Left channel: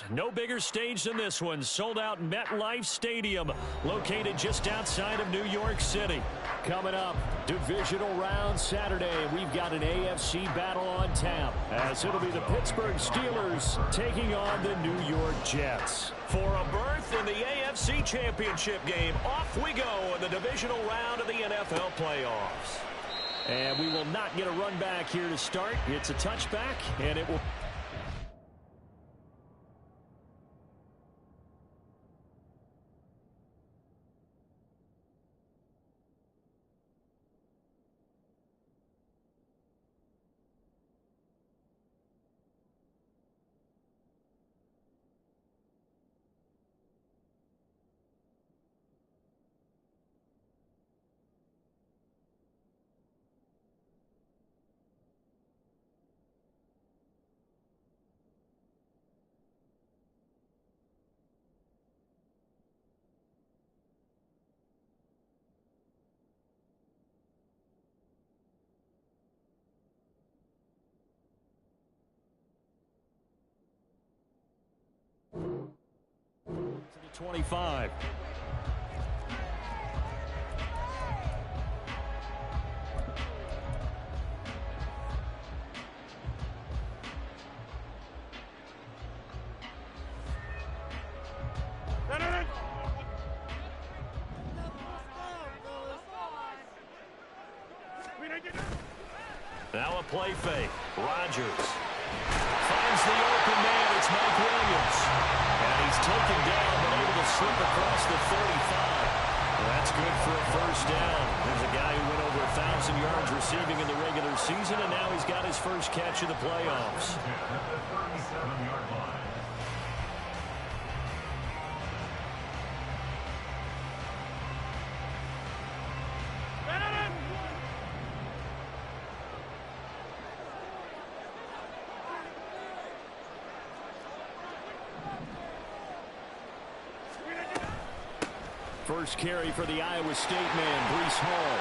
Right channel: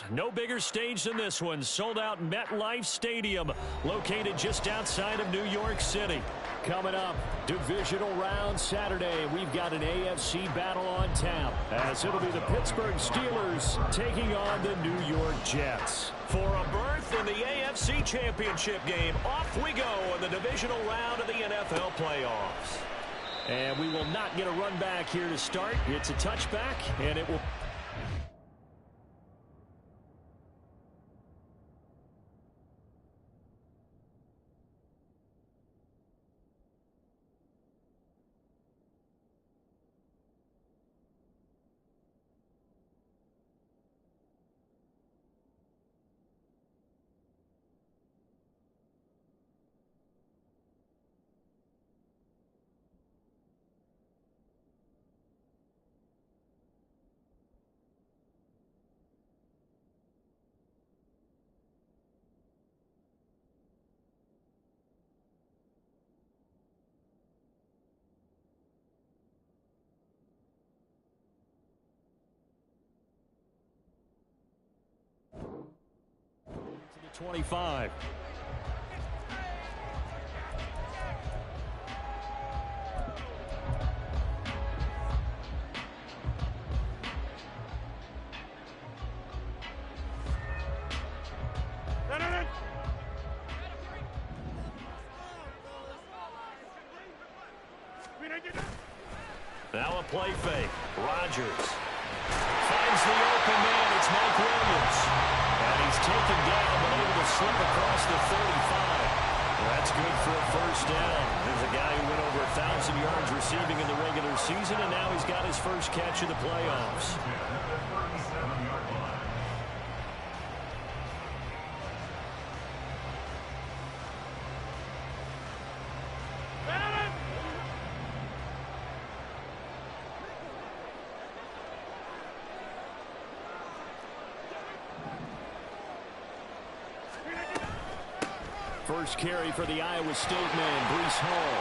playoffs. No bigger stage than this one. Sold out MetLife Stadium, located just outside of New York City. Coming up, divisional round Saturday. We've got an AFC battle on tap, as it'll be the Pittsburgh Steelers taking on the New York Jets. For a berth in the AFC Championship game, off we go in the divisional round of the NFL playoffs. And we will not get a run back here to start. It's a touchback, and it will... to the 25. Now a play fake. Rodgers finds the open man. It's Mike Williams. And he's taken down, but able to slip across the 35. That's good for a first down. There's a guy who went over 1,000 yards receiving in the regular season, and now he's got his first catch of the playoffs. First carry for the Iowa State man, Breece Hall.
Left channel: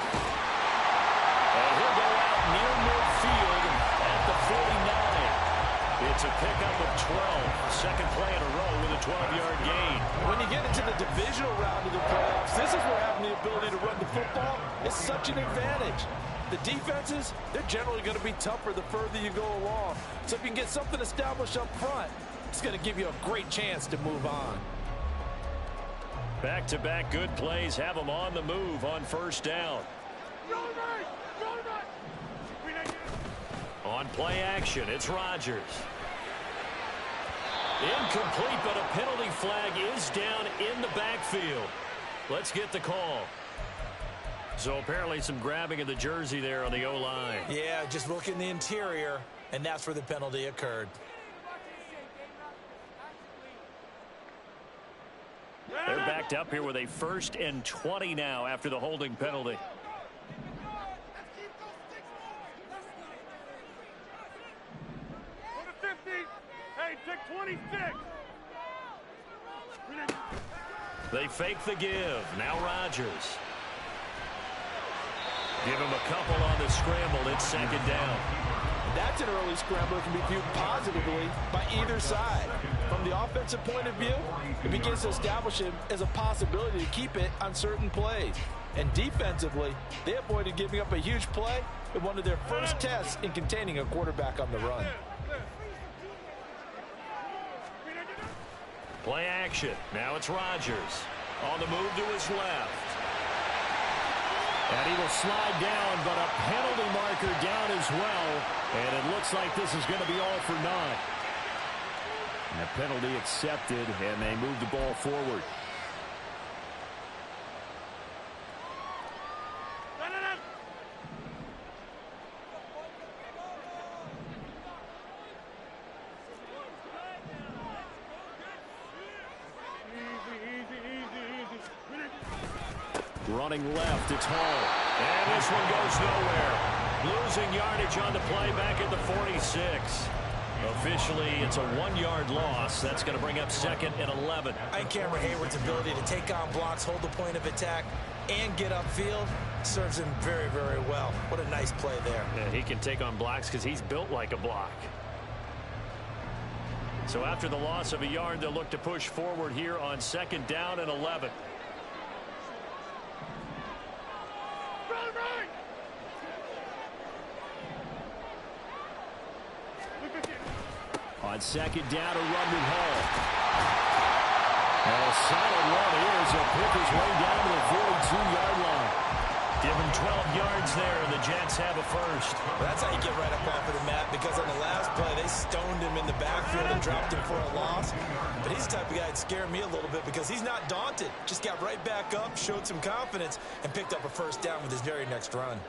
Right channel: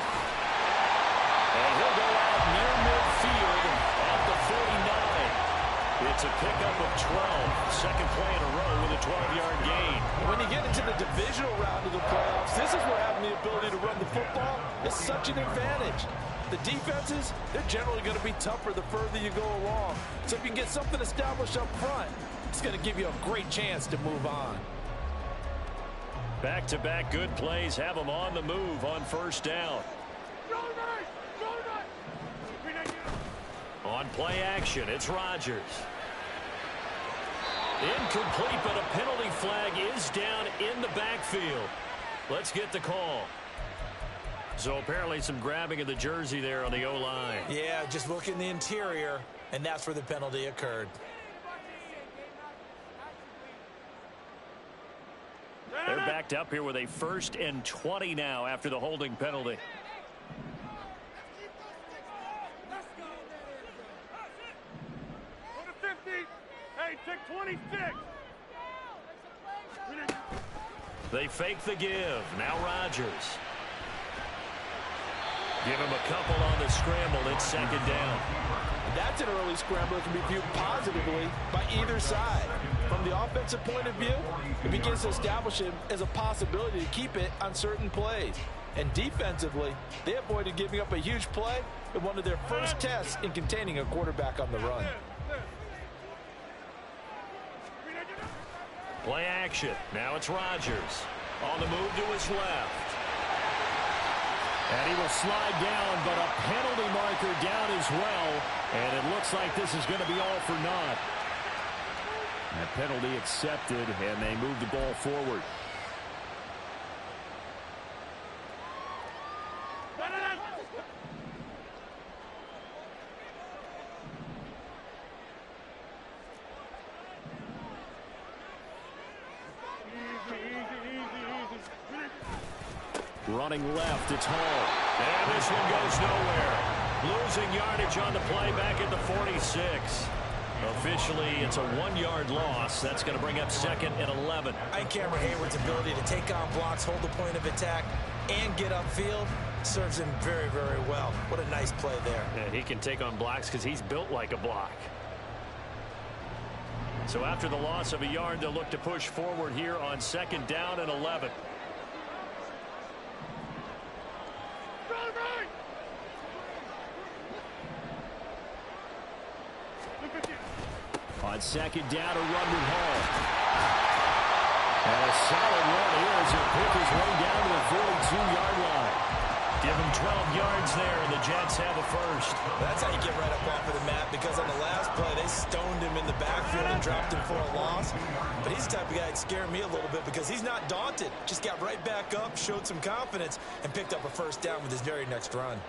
And he'll go out near midfield at the 49. It's a pickup of 12. Second play in a row with a 12-yard gain. When you get into the divisional round of the playoffs, this is where having the ability to run the football is such an advantage. The defenses, they're generally going to be tougher the further you go along. So if you can get something established up front, it's going to give you a great chance to move on. Back-to-back good plays have them on the move on first down. On play action, it's Rodgers. Incomplete, but a penalty flag is down in the backfield. Let's get the call. So apparently some grabbing of the jersey there on the O-line. Yeah, just look in the interior, and that's where the penalty occurred. They're backed up here with a 1st and 20 now after the holding penalty. Hey, take 26. They fake the give. Now Rodgers. Give him a couple on the scramble. It's second down. That's an early scramble that can be viewed positively by either side. From the offensive point of view, it begins to establish him as a possibility to keep it on certain plays. And defensively, they avoided giving up a huge play in one of their first tests in containing a quarterback on the run. Play action. Now it's Rodgers. On the move to his left. And he will slide down, but a penalty marker down as well. And it looks like this is going to be all for naught. And a penalty accepted, and they move the ball forward. Running left, it's Hall. And this one goes nowhere. Losing yardage on the play back at the 46. Officially, it's a 1-yard loss. That's going to bring up 2nd and 11. I think Cameron Hayward's ability to take on blocks, hold the point of attack, and get upfield serves him very, very well. What a nice play there. Yeah, he can take on blocks because he's built like a block. So after the loss of a yard, they'll look to push forward here on 2nd down and 11. On 2nd down, a run with Hall. And a solid run here as he'll pick his way down to the 42-yard line. Give him 12 yards there, and the Jets have a first. That's how you get right up off of the mat, because on the last play, they stoned him in the backfield and dropped him for a loss. But he's the type of guy that scared me a little bit because he's not daunted. Just got right back up, showed some confidence, and picked up a first down with his very next run.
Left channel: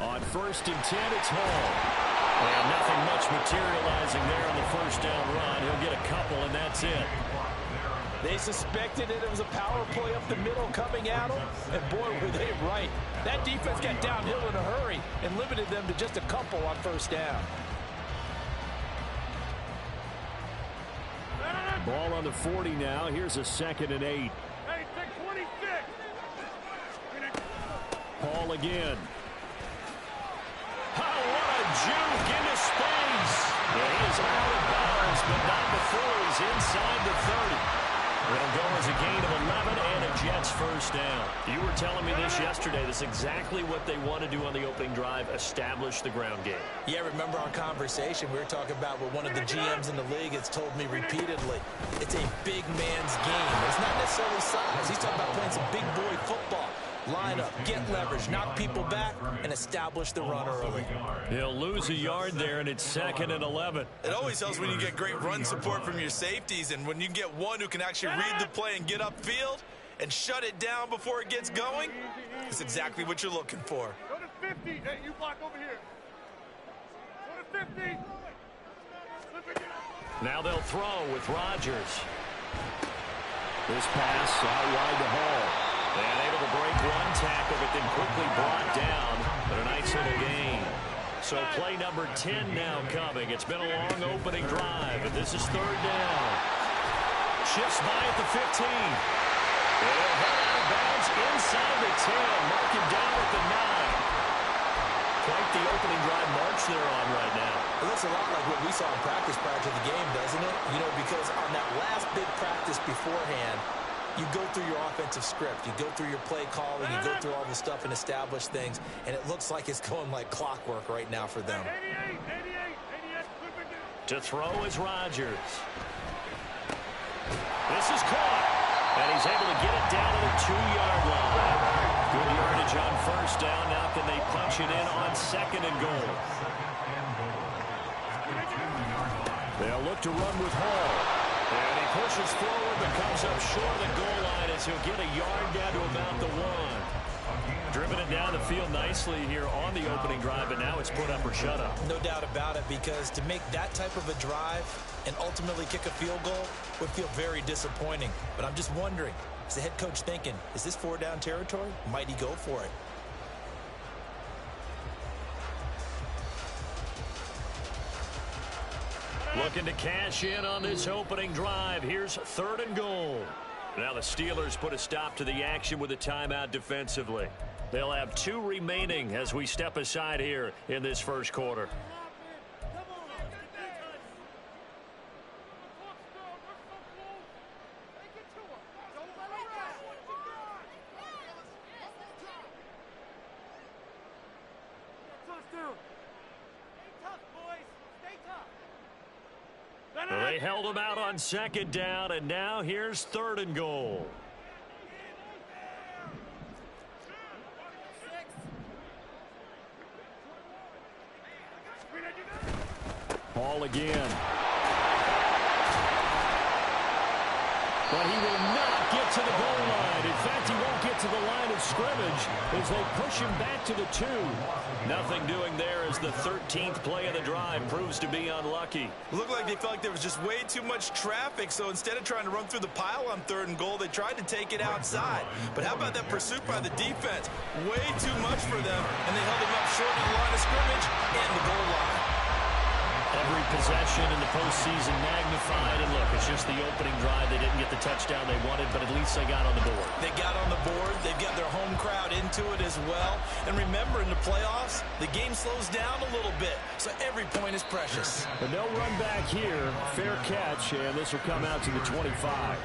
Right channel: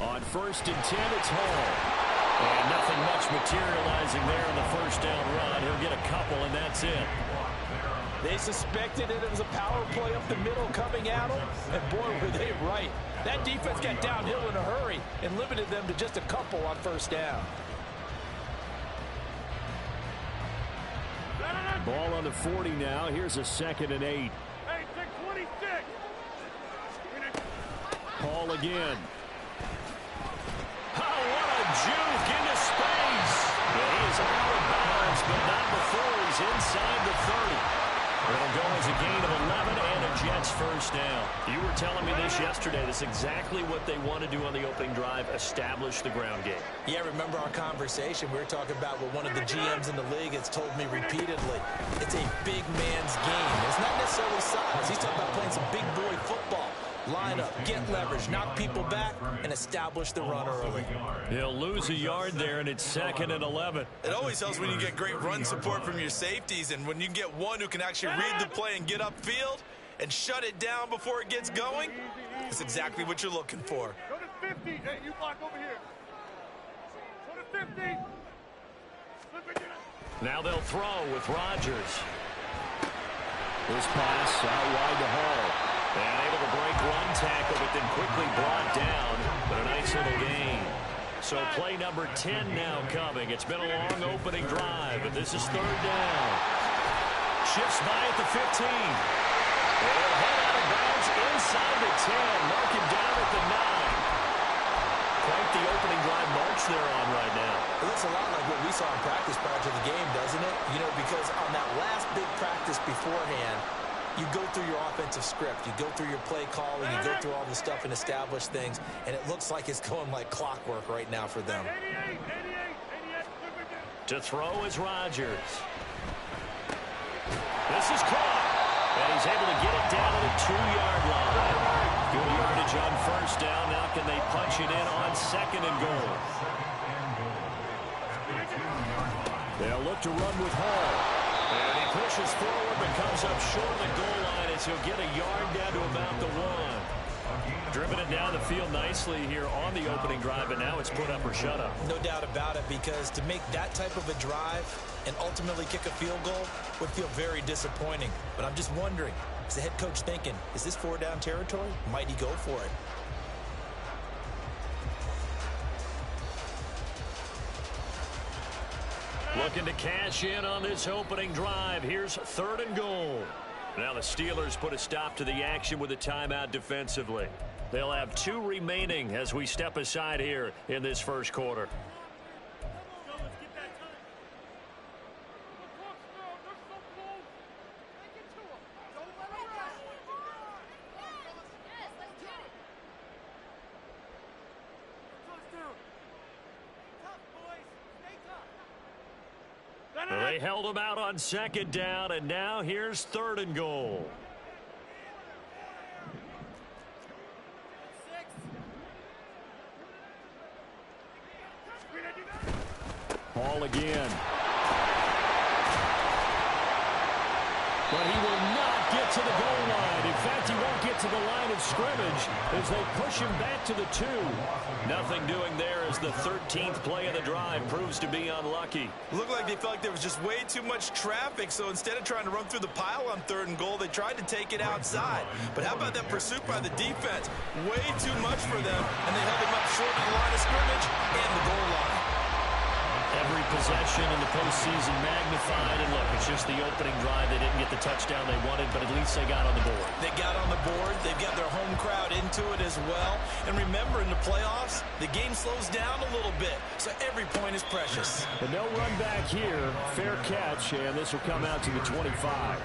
On 1st and 10, it's Hall. And nothing much materializing there on the first down run. He'll get a couple, and that's it. They suspected it was a power play up the middle coming at them, and boy, were they right. That defense got downhill in a hurry and limited them to just a couple on first down. Ball on the 40 now. Here's a 2nd and 8. Hey, take 26. Hall again. Oh, what a juke into space. Yeah, he is out of bounds, but not before he's inside the 30. It'll go as a gain of 11 and a Jets first down. You were telling me this yesterday. That's exactly what they want to do on the opening drive, establish the ground game. Yeah, remember our conversation? We were talking about what one of the GMs in the league has told me repeatedly. It's a big man's game. It's not necessarily size. He's talking about playing some big boy football. Line up, get leverage, knock people back, and establish the run early. He'll lose a yard there, and it's 2nd and 11. It always helps when you get great run support from your safeties, and when you get one who can actually read the play and get upfield and shut it down before it gets going. It's exactly what you're looking for. Go to 50. Hey, you block over here. Go to 50. Now they'll throw with Rodgers. This pass out wide to Hall. And able to break one tackle, but then quickly brought down. But a nice little gain. So play number 10 now coming. It's been a long opening drive, and this is 3rd down. Shifts by at the 15. They'll head out of bounds inside the 10. Mark him down at the 9. Quite the opening drive march they're on right now. It looks a lot like what we saw in practice prior to the game, doesn't it? You know, because on that last big practice beforehand, you go through your offensive script. You go through your play calling. You go through all the stuff and establish things. And it looks like it's going like clockwork right now for them. 88. To throw is Rodgers. This is caught. And he's able to get it down to the 2-yard line. Good yardage on first down. Now can they punch it in on 2nd and goal? They'll look to run with Hall. And he pushes forward but comes up short of the goal line as he'll get a yard down to about the 1. Driven it down the field nicely here on the opening drive, but now it's put up or shut up. No doubt about it, because to make that type of a drive and ultimately kick a field goal would feel very disappointing. But I'm just wondering, is the head coach thinking, is this 4-down territory? Might he go for it? Looking to cash in on this opening drive. Here's 3rd and goal. Now the Steelers put a stop to the action with a timeout defensively. They'll have 2 remaining as we step aside here in this first quarter. They held him out on 2nd down, and now here's 3rd and goal. Hall again. But he will not get to the goal line. In fact, he won't get to the line of scrimmage as they push him back to the 2. Nothing doing there as the 13th play of the drive proves to be unlucky. Looked like they felt like there was just way too much traffic, so instead of trying to run through the pile on 3rd and goal, they tried to take it outside. But how about that pursuit by the defense? Way too much for them, and they held him up short of the line of scrimmage and the goal line. Every possession in the postseason magnified. And look, it's just the opening drive. They didn't get the touchdown they wanted, but at least they got on the board. They got on the board. They've got their home crowd into it as well. And remember, in the playoffs, the game slows down a little bit, so every point is precious. But no run back here. Fair catch, and this will come out to the 25.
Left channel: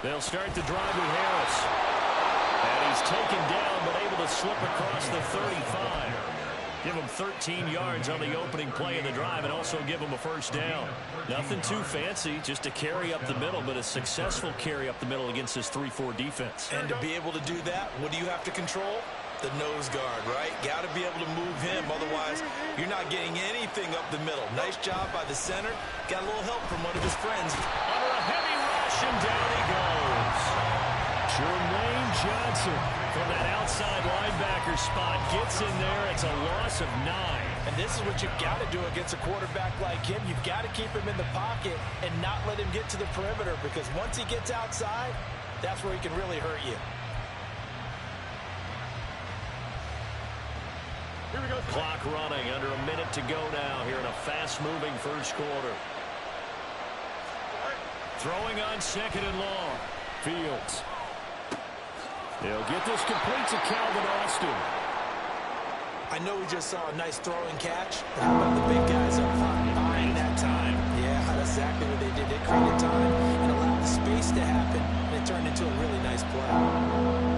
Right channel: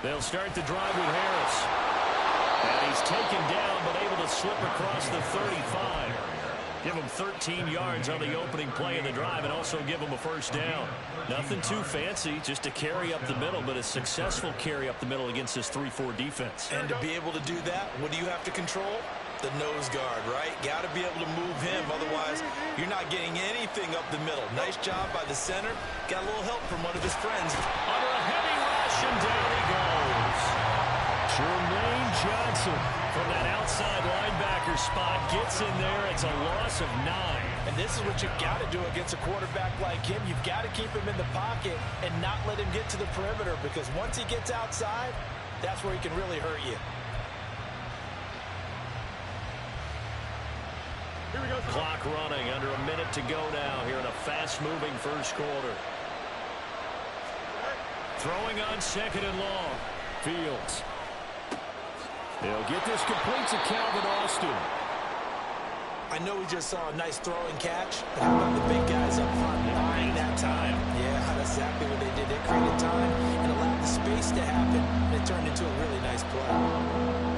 They'll start the drive with Harris. And he's taken down, but able to slip across the 35. Give him 13 yards on the opening play of the drive and also give him a first down. Nothing too fancy, just a carry up the middle, but a successful carry up the middle against this 3-4 defense. And to be able to do that, what do you have to control? The nose guard, right? Got to be able to move him. Otherwise, you're not getting anything up the middle. Nice job by the center. Got a little help from one of his friends. Under a heavy rush, and down he goes. Jermaine Johnson from that outside linebacker spot gets in there. It's a loss of 9. And this is what you've got to do against a quarterback like him. You've got to keep him in the pocket and not let him get to the perimeter, because once he gets outside, that's where he can really hurt you. Here we go. Clock running, under a minute to go now here in a fast-moving first quarter. Throwing on second and long. Fields. They'll get this complete to Calvin Austin. I know we just saw a nice throwing catch, but how about the big guys up front buying that time? Yeah, that's exactly what they did. They created time and allowed the space to happen, and it turned into a really nice play.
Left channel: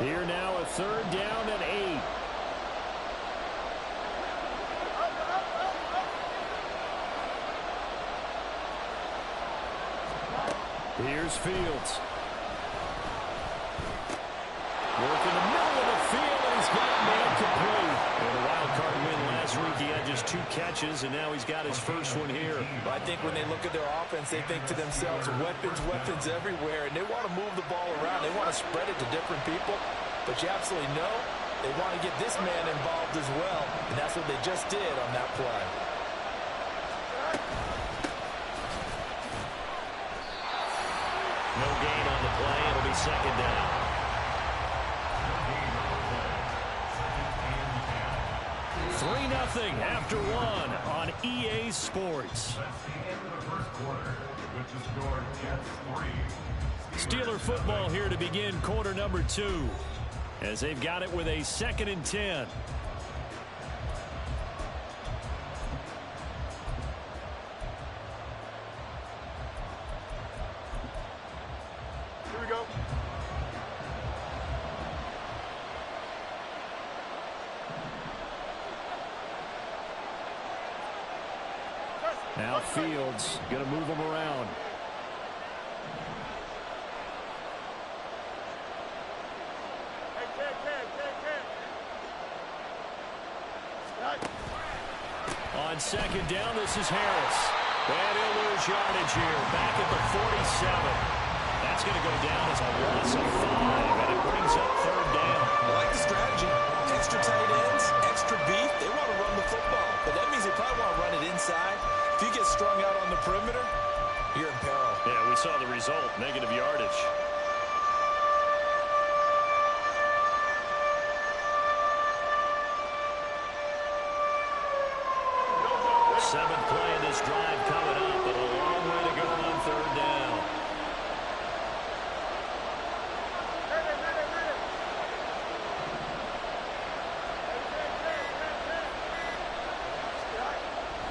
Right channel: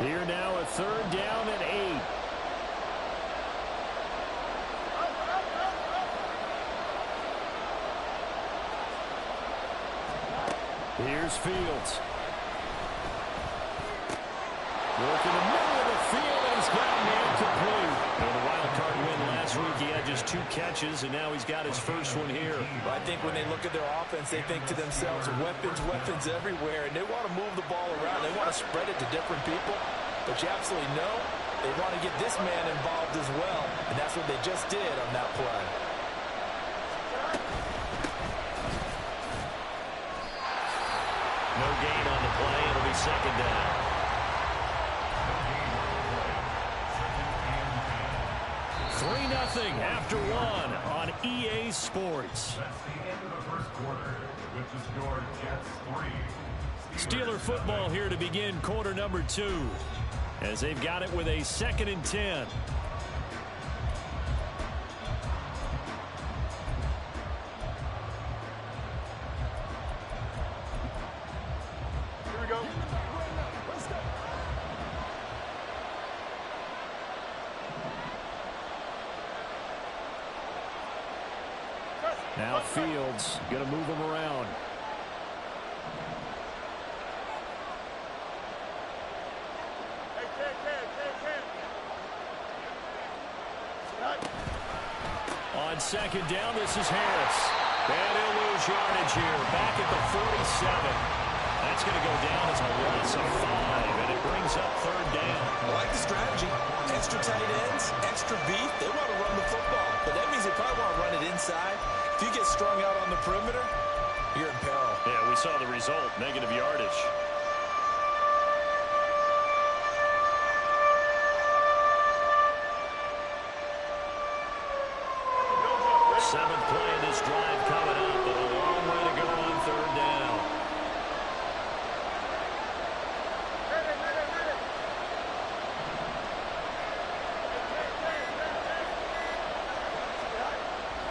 Here now a third down and 8. Here's Fields. Work in the middle of the field, and he's got a man complete. And the wild card win last week, he had just 2 catches, and now he's got his first one here. Well, I think when they look at their offense, they think to themselves, weapons, weapons everywhere, and they want to move the ball around. They want to spread it to different people, but you absolutely know they want to get this man involved as well, and that's what they just did on that play. No gain on the play. It'll be second down. 3-0 after 1 on EA Sports. That's the end of the first quarter, which is your Jets 3. Steeler football here to begin quarter number 2, as they've got it with a 2nd and 10. Here we go. Now Fields going to move him around. Hey, Ken. On second down, this is Harris. And he'll lose yardage here. Back at the 47. That's going to go down as a loss of 5, and it brings up third down. I like the strategy. Extra tight ends, extra beef. They want to run the football, but that means they probably want to run it inside. If you get strung out on the perimeter, you're in peril. Yeah, we saw the result, negative yardage. Seventh play of this drive coming up, but a long way to go on third down.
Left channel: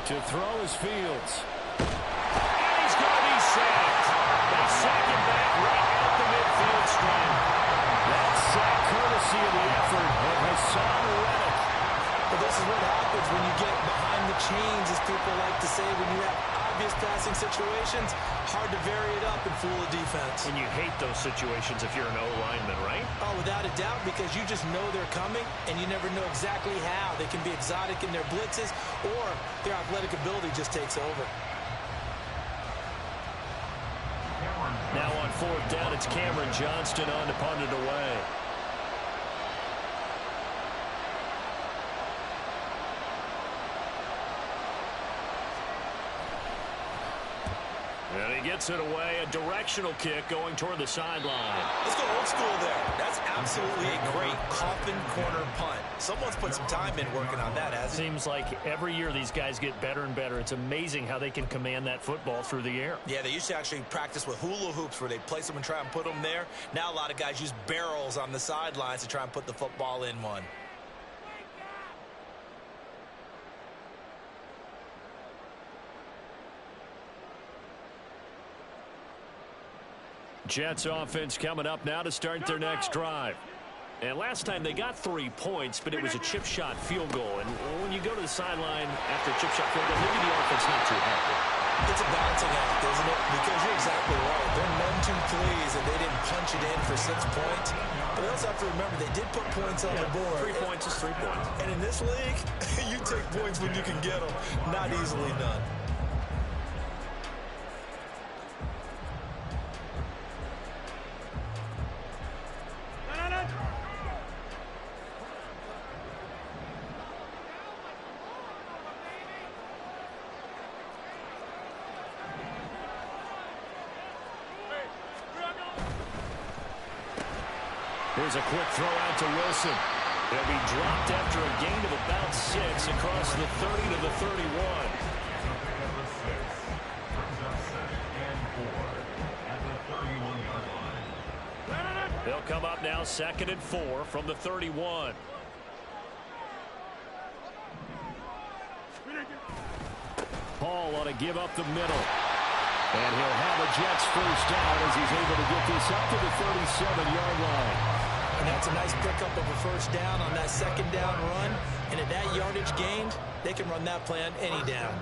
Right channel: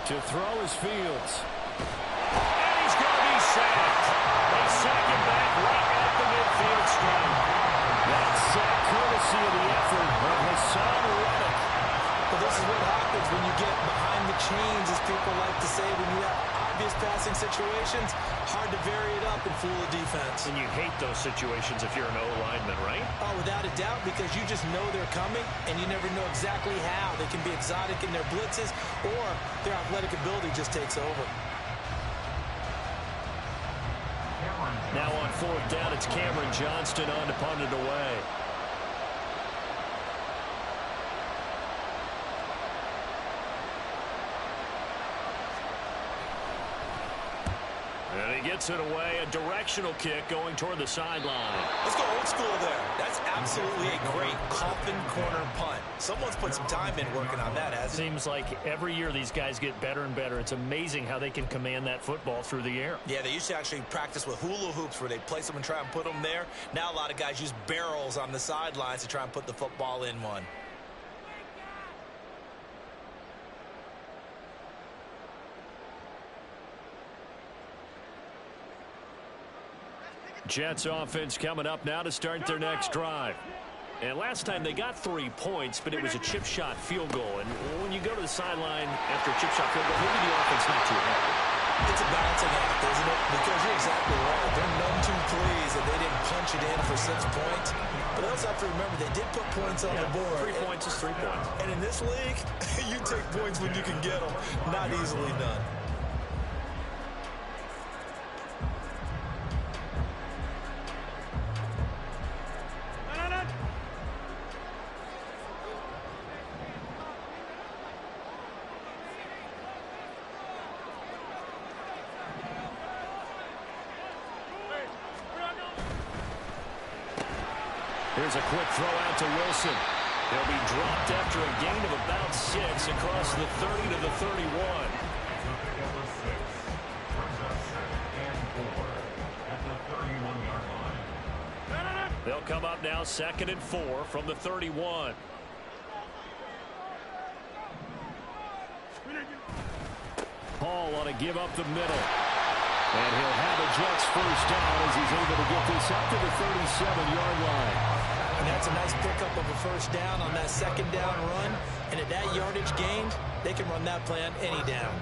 To throw is Fields. And he's going to be sacked. They sack him back right at the midfield stripe. That sack courtesy of the effort of Hassan Reddick. But this is what happens when you get behind the chains, as people like to say, when you have obvious passing situations, hard to vary it up and fool the defense. And you hate those situations if you're an O-lineman, right? Oh, without a doubt, because you just know they're coming, and you never know exactly how. They can be exotic in their blitzes, or their athletic ability just takes over. Now on fourth down, it's Cameron Johnston on to punt it away. And he gets it away, a directional kick going toward the sideline. Let's go old school there. That's absolutely a great coffin corner punt. Someone's put some time in working on that, hasn't it? Seems like every year these guys get better and better. It's amazing how they can command that football through the air. Yeah, they used to actually practice with hula hoops where they'd place them and try and put them there. Now a lot of guys use barrels on the sidelines to try and put the football in one. Jets offense coming up now to start their next drive. And last time they got 3 points, but it was a chip shot field goal. And when you go to the sideline after a chip shot field goal, maybe the offense not too happy. It's a balancing act, isn't it? Because you're exactly right. They're none too pleased that they didn't punch it in for 6 points. But they also have to remember they did put points on the board. 3 points is 3 points. And in this league, you take points when you can get them. Not easily done. Here's a quick throw out to Wilson. He'll be dropped after a gain of about 6 across the 30 to the 31. They'll come up now 2nd and 4 from the 31. Paul ought to give up the middle. And he'll have a Jets first down as he's able to get this up to the 37-yard line. And that's a nice pickup of a first down on that 2nd down run. And at that yardage gained, they can run that play on any down.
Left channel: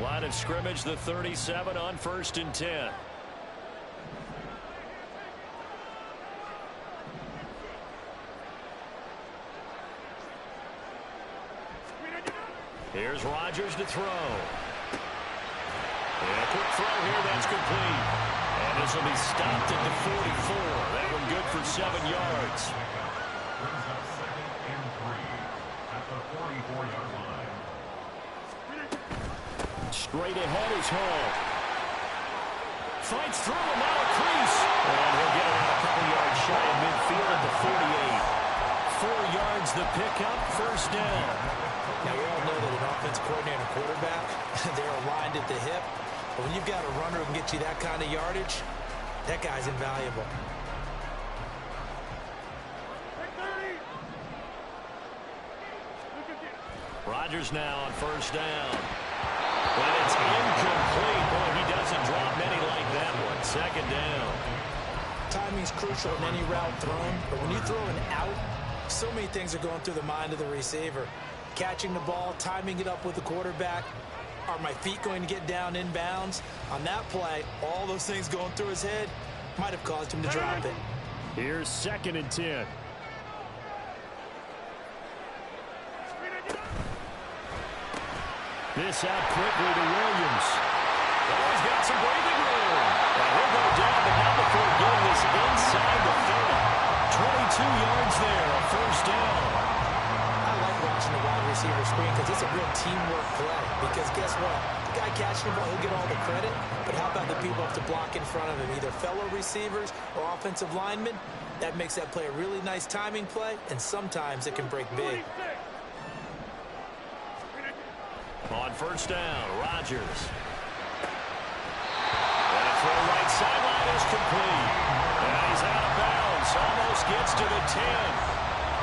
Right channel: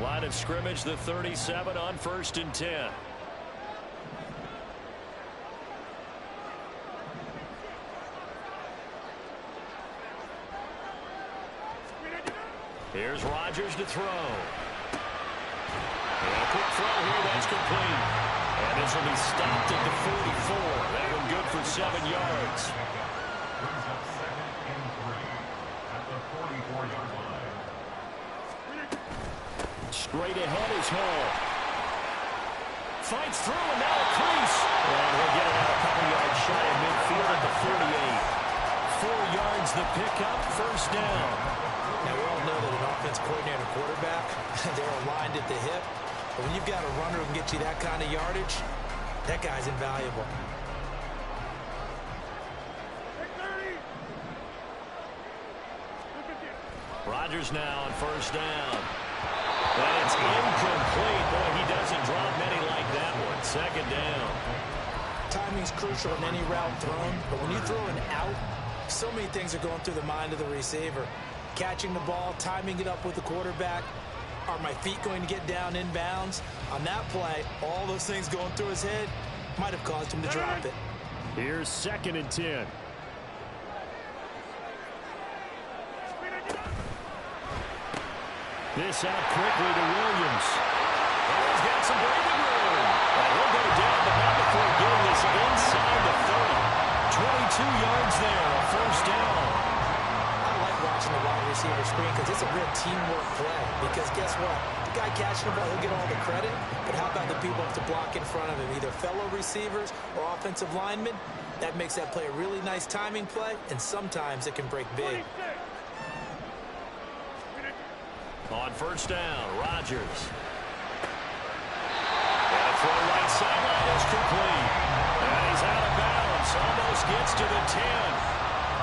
Line of scrimmage, the 37 on 1st and 10. Here's Rodgers to throw. And a quick throw here, that's complete. And this will be stopped at the 44. That one good for 7 yards. Brings up 2nd and 3 at the 44-yard line. Straight ahead is Hall. Fights through and now a crease. And he'll get it out a couple yards shy of midfield at the 48. 4 yards the pickup, first down. Now, we all know that an offensive coordinator and a quarterback, they're aligned at the hip. But when you've got a runner who can get you that kind of yardage, that guy's invaluable. Rodgers now on first down. And it's incomplete. Boy, he doesn't drop many like that one. 2nd down. Timing's crucial in any route thrown, but when you throw an out, so many things are going through the mind of the receiver. Catching the ball, timing it up with the quarterback. Are my feet going to get down inbounds? On that play, all those things going through his head might have caused him to drop it. Here's 2nd and 10. This out quickly to Williams. Oh, he's got some breathing room. And he'll go down, but not before getting this inside the 30. 22 yards there, a first down. I like watching the wide receiver screen because it's a real teamwork play. Because guess what? The guy catching the ball, he'll get all the credit. But how about the people up to block in front of him, either fellow receivers or offensive linemen? That makes that play a really nice timing play, and sometimes it can break big. On first down, Rodgers. And a throw right sideline is complete. And he's out of bounds. Almost gets to the 10.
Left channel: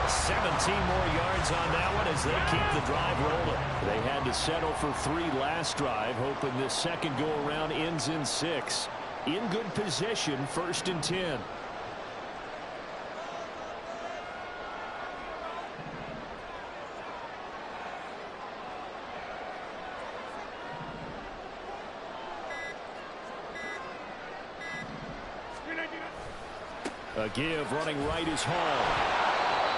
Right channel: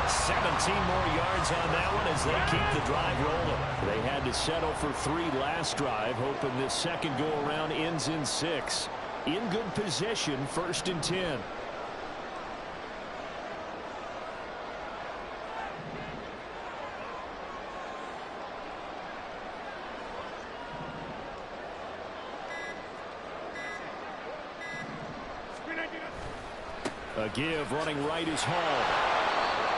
17 more yards on that one as they keep the drive rolling. They had to settle for 3 last drive, hoping this second go-around ends in 6. in good position, 1st and 10. A give, running right is Hall.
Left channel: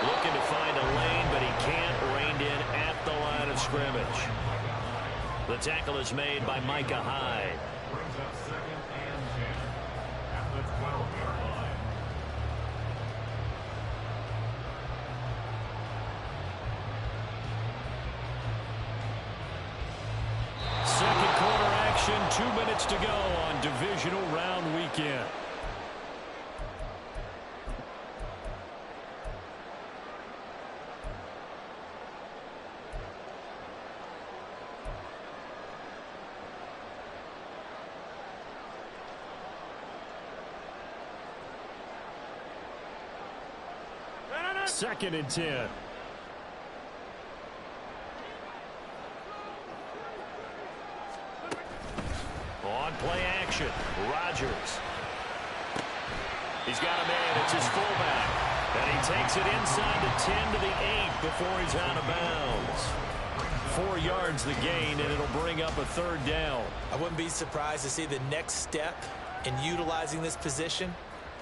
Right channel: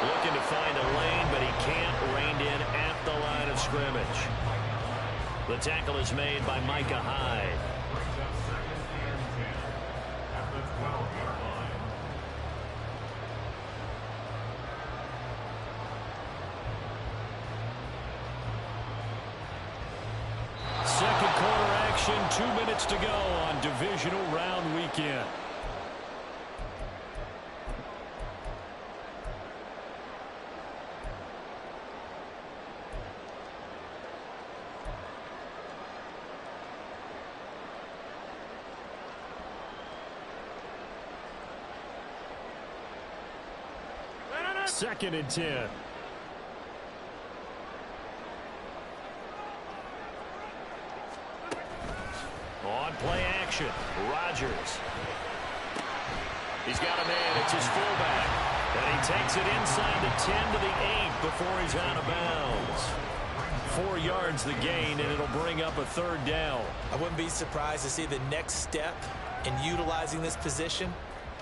Looking to find a lane, but he can't. Reined in at the line of scrimmage. The tackle is made by Micah Hyde. Brings up 2nd and 10 at the 12-yard line. Second quarter action, 2 minutes to go on divisional round weekend. Second and 10. On play action, Rodgers. He's got a man. It's his fullback. And he takes it inside the 10 to the 8 before he's out of bounds. 4 yards the gain, and it'll bring up a 3rd down. I wouldn't be surprised to see the next step in utilizing this position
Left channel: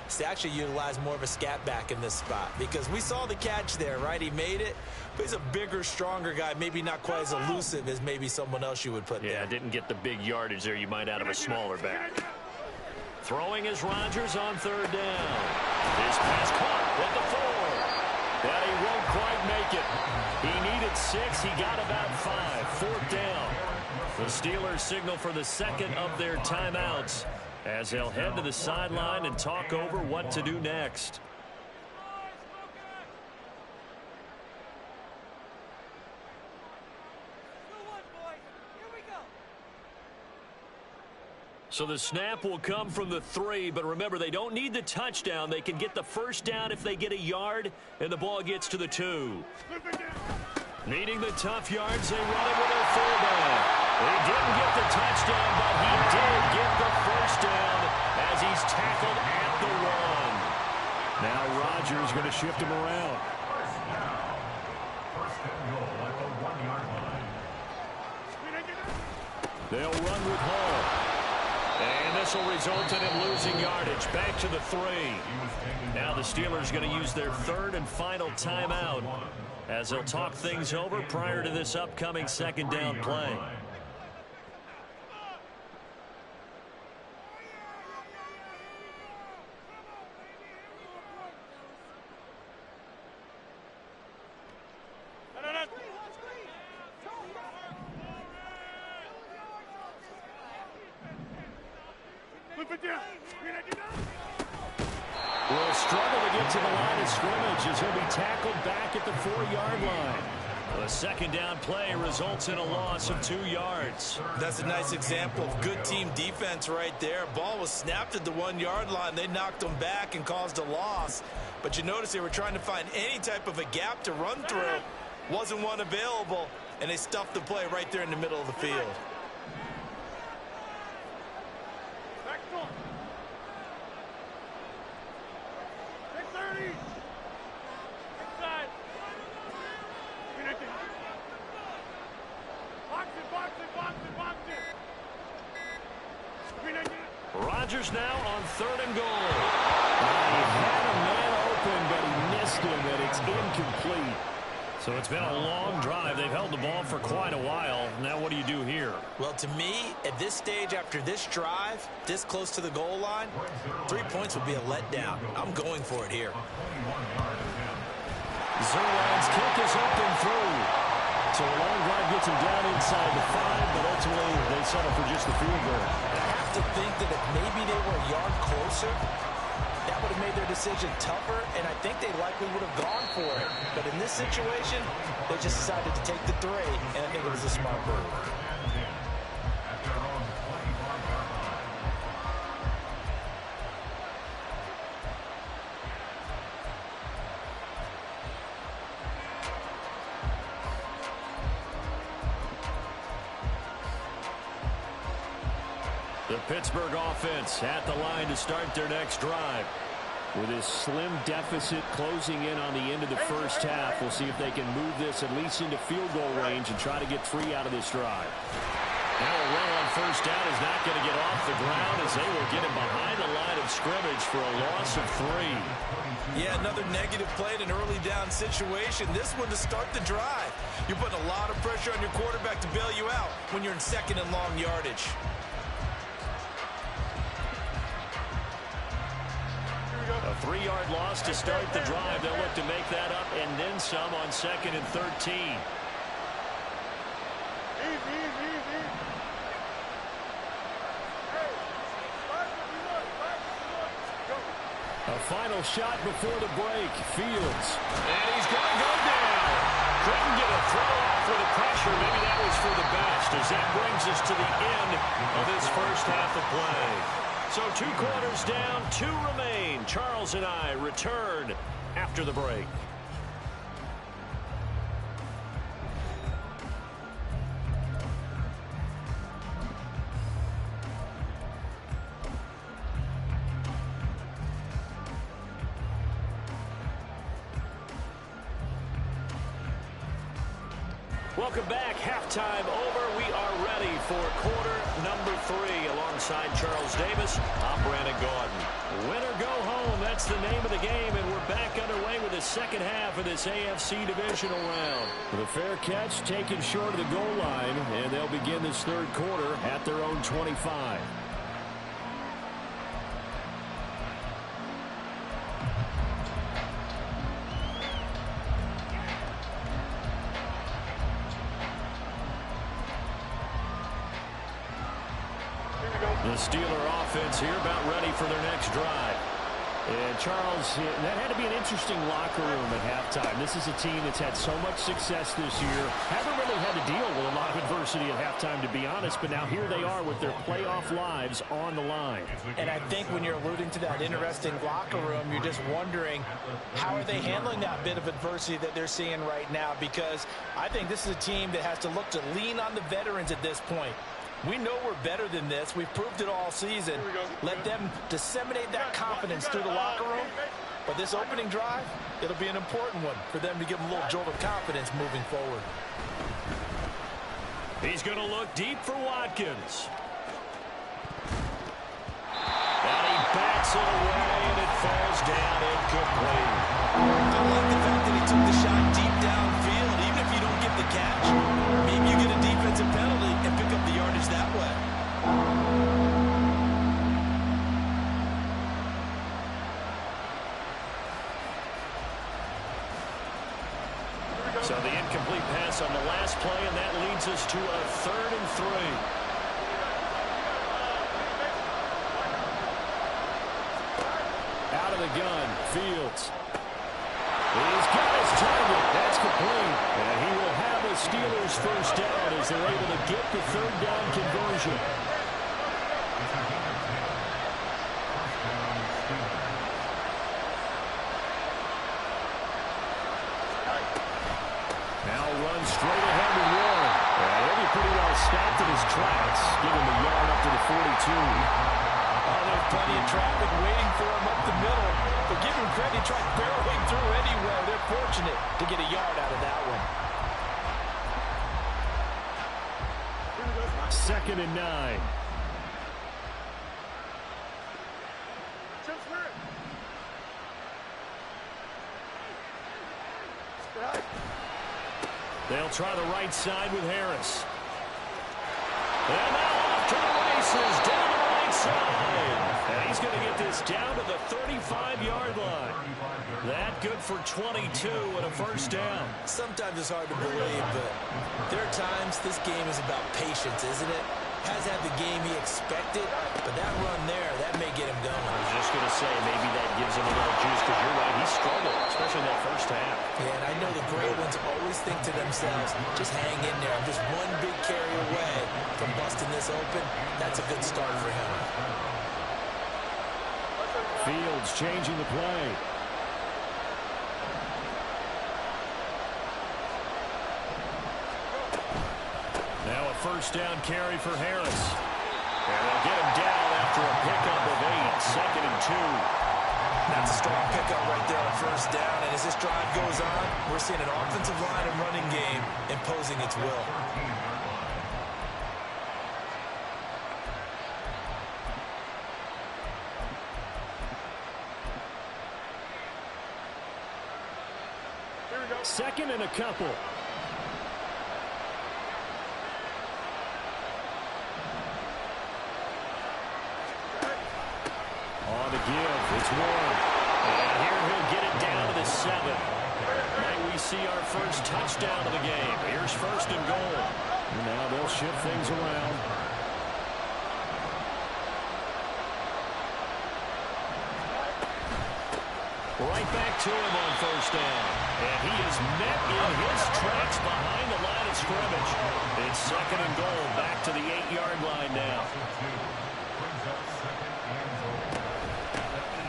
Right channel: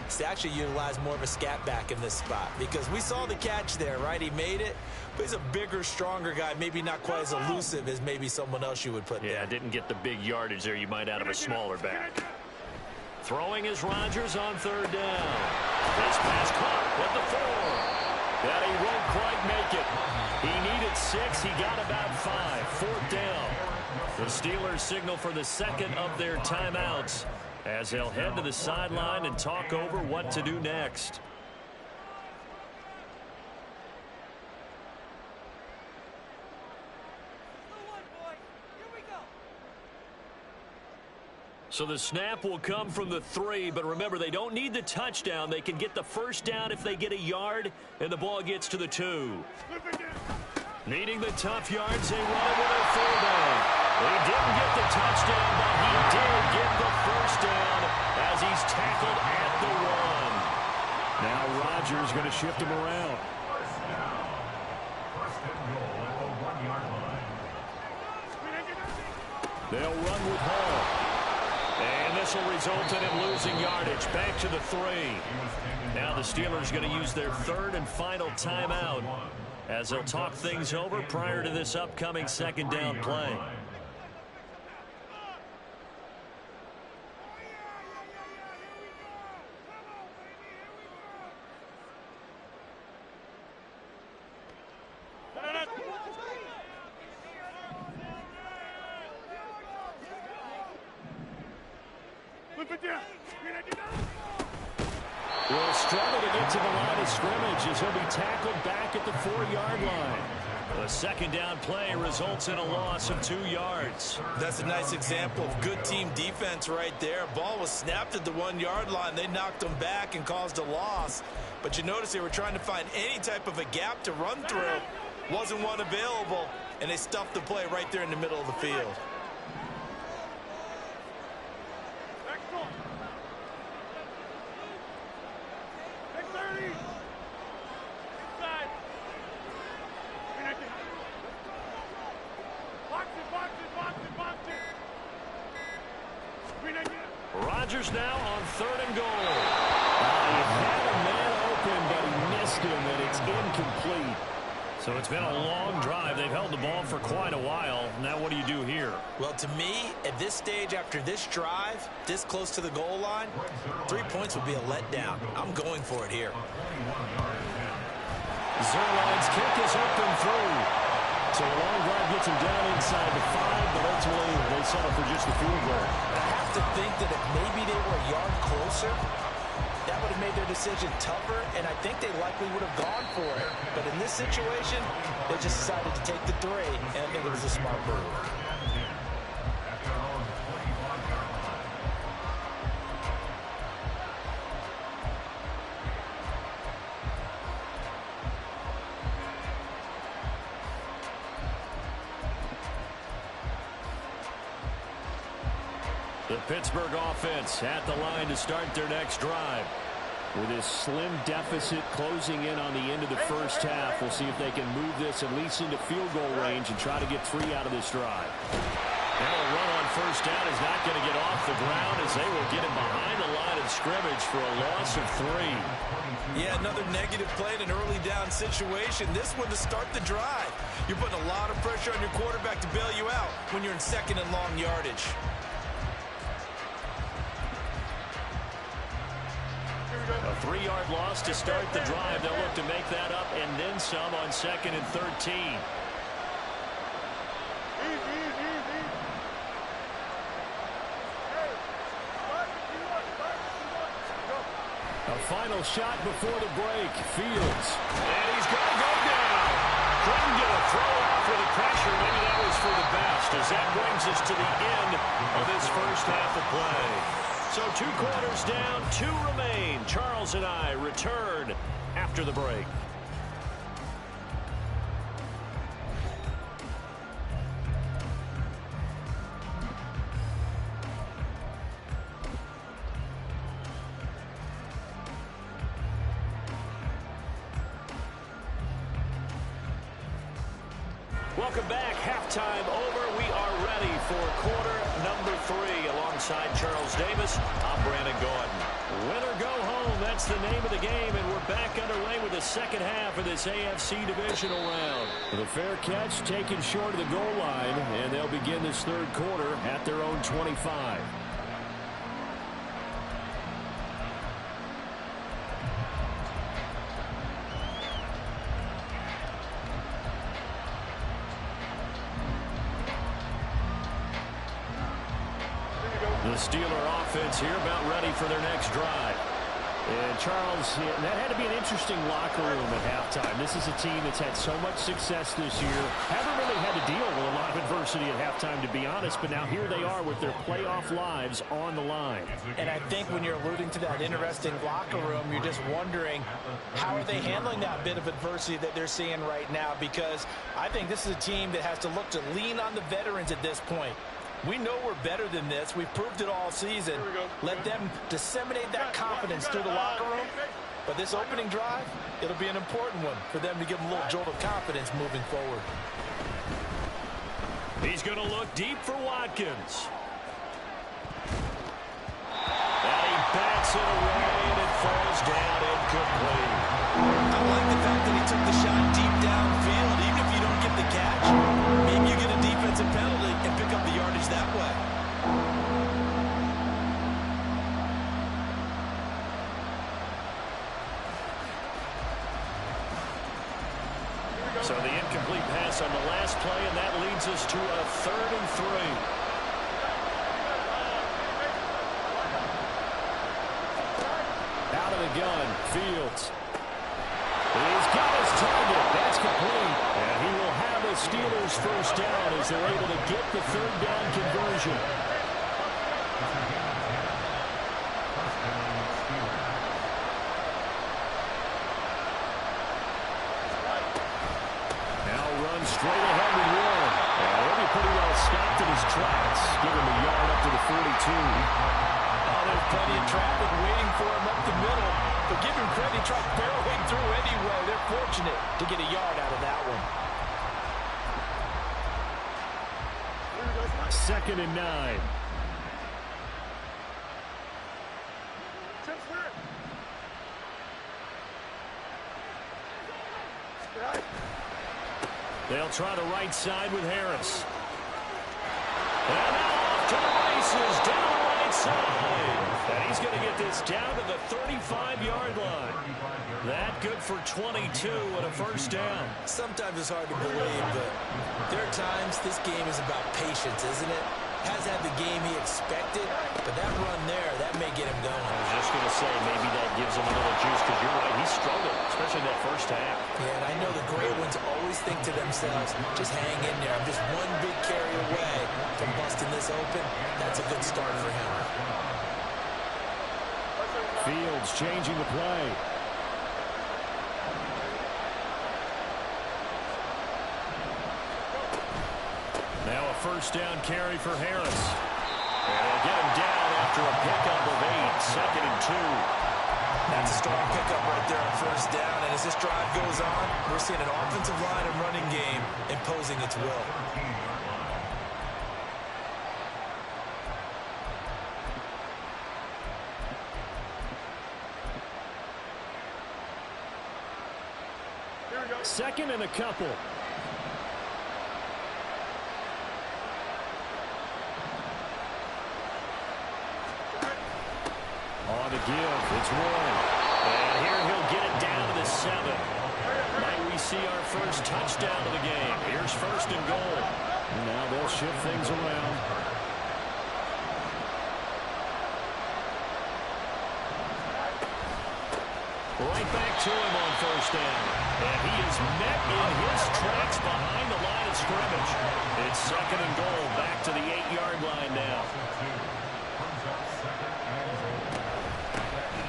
is to actually utilize more of a scat back in this spot, because we saw the catch there, right? He made it, but he's a bigger, stronger guy, maybe not quite as elusive as maybe someone else you would put there. Yeah, didn't get the big yardage there you might out of a smaller back. Throwing is Rodgers on 3rd down. His pass caught at the 4. And he won't quite make it. He needed 6. He got about 5. 4th down. The Steelers signal for the second of their timeouts as they'll head to the sideline and talk over what to do next. So the snap will come from the 3, but remember, they don't need the touchdown. They can get the 1st down if they get a yard, and the ball gets to the 2. Needing the tough yards, they run it with a fullback. He didn't get the touchdown, but he did get the 1st down as he's tackled at the 1. Now Rodgers going to shift him around. 1st down. 1st and goal at the 1-yard line. They'll run with Hall. And this will result in him losing yardage. Back to the 3. Now the Steelers going to use their 3rd and final timeout as they'll talk things over prior to this upcoming 2nd down play. Will struggle to get to the line of scrimmage as he'll be tackled back at the 4-yard line. The 2nd down play results in a loss of 2 yards. That's a nice example of good team defense right there. Ball was snapped at the 1-yard line. They knocked them back and caused a loss. But you notice they were trying to find any type of a gap to run through. Wasn't one available, and they stuffed the play right there in the middle of the field. Rodgers now on 3rd and goal. He had a man open, but he missed him, and it's incomplete. So it's been a long drive. They've held the ball for quite a while. Now what do you do here? Well, to me, at this stage, after this drive, this close to the goal line, 3 points would be a letdown. I'm going for it here. Zerline's kick is up and through. So a long drive gets him down inside the 5, but ultimately they settle for just the field goal. And I have to think that if maybe they were a yard closer, that would have made their decision tougher, and I think they likely would have gone for it. But in this situation, they just decided to take the 3, and I think it was a smart move. The Pittsburgh offense at the line to start their next drive. With this slim deficit closing in on the end of the first half, we'll see if they can move this at least into field goal range and try to get 3 out of this drive. Now a run on first down is not going to get off the ground as they will get him behind the line of scrimmage for a loss of 3. Yeah, another negative play in an early down situation. This one to start the drive. You're putting a lot of pressure on your quarterback to bail you out when you're in second and long yardage. A 3-yard loss to start the drive. They'll look to make that up and then some on 2nd and 13. A final shot before the break. Fields. And he's going to go down. Couldn't get a throw off with the pressure. Maybe that was for the best, as that brings us to the end of this first half of play. So 2 quarters down, 2 remain. Charles and I return after the break. Welcome back. Halftime over. We are ready for quarter number 3. Alongside Charles Davis, I'm Brandon Gaudin. Win or go home, that's the name of the game, and we're back underway with the second half of this AFC divisional round. The fair catch taken short of the goal line, and they'll begin this third quarter at their own 25. The Steeler offense here about ready for their next drive. And Charles, that had to be an interesting locker room at halftime. This is a team that's had so much success this year. Haven't really had to deal with a lot of adversity at halftime, to be honest. But now here they are with their playoff lives on the line. And I think when you're alluding to that interesting locker room, you're just wondering how are they handling that bit of adversity that they're seeing right now? Because I think this is a team that has to look to lean on the veterans at this point. We know we're better than this. We've proved it all season. Let them disseminate that confidence through the locker room. But this opening drive, it'll be an important one for them to give them a little jolt of confidence moving forward. He's going to look deep for Watkins. And he bats it away, and it falls down incomplete. I like the fact that he took the shot deep downfield. Even if you don't get the catch, maybe you get a defensive penalty and pick up the yardage that way. So the incomplete pass on the last play, and that leads us to a 3rd and 3. Out of the gun, Fields. He's got his target. That's complete. And he will have a Steelers first down as they're able to get the 3rd down conversion. Now run straight ahead with Warren. And he'll be pretty well stopped in his tracks. Give him a yard up to the 42. Oh, there's plenty of traffic waiting for him up the middle. But give him credit, he tried barreling through anyway. They're fortunate to get a yard out of that one. 2nd and 9. They'll try the right side with Harris. And now off to the races, down the right side. And he's going to get this down to the 35-yard line. That good for 22 and a first down. Sometimes it's hard to believe, but there are times this game is about patience, isn't it? Has had the game he expected, but that run there, that may get him going. I was just going to say, maybe that gives him a little juice, because you're right, he struggled, especially that first half. Yeah, and I know the great ones always think to themselves, just hang in there. I'm just one big carry away from busting this open. That's a good start for him. Fields changing the play. Now a first down carry for Harris. And they'll get him down after a pickup of 8, 2nd and 2. That's a strong pickup right there on first down. And as this drive goes on, we're seeing an offensive line and running game imposing its will. Here we go. 2nd and a couple. On the give, it's Warren. And here he'll get it down to the 7. Might we see our first touchdown of the game. Here's 1st and goal. And now they'll shift things around. Right back to him on 1st down. And he is met in his tracks behind the line of scrimmage. It's 2nd and goal, back to the 8-yard line now.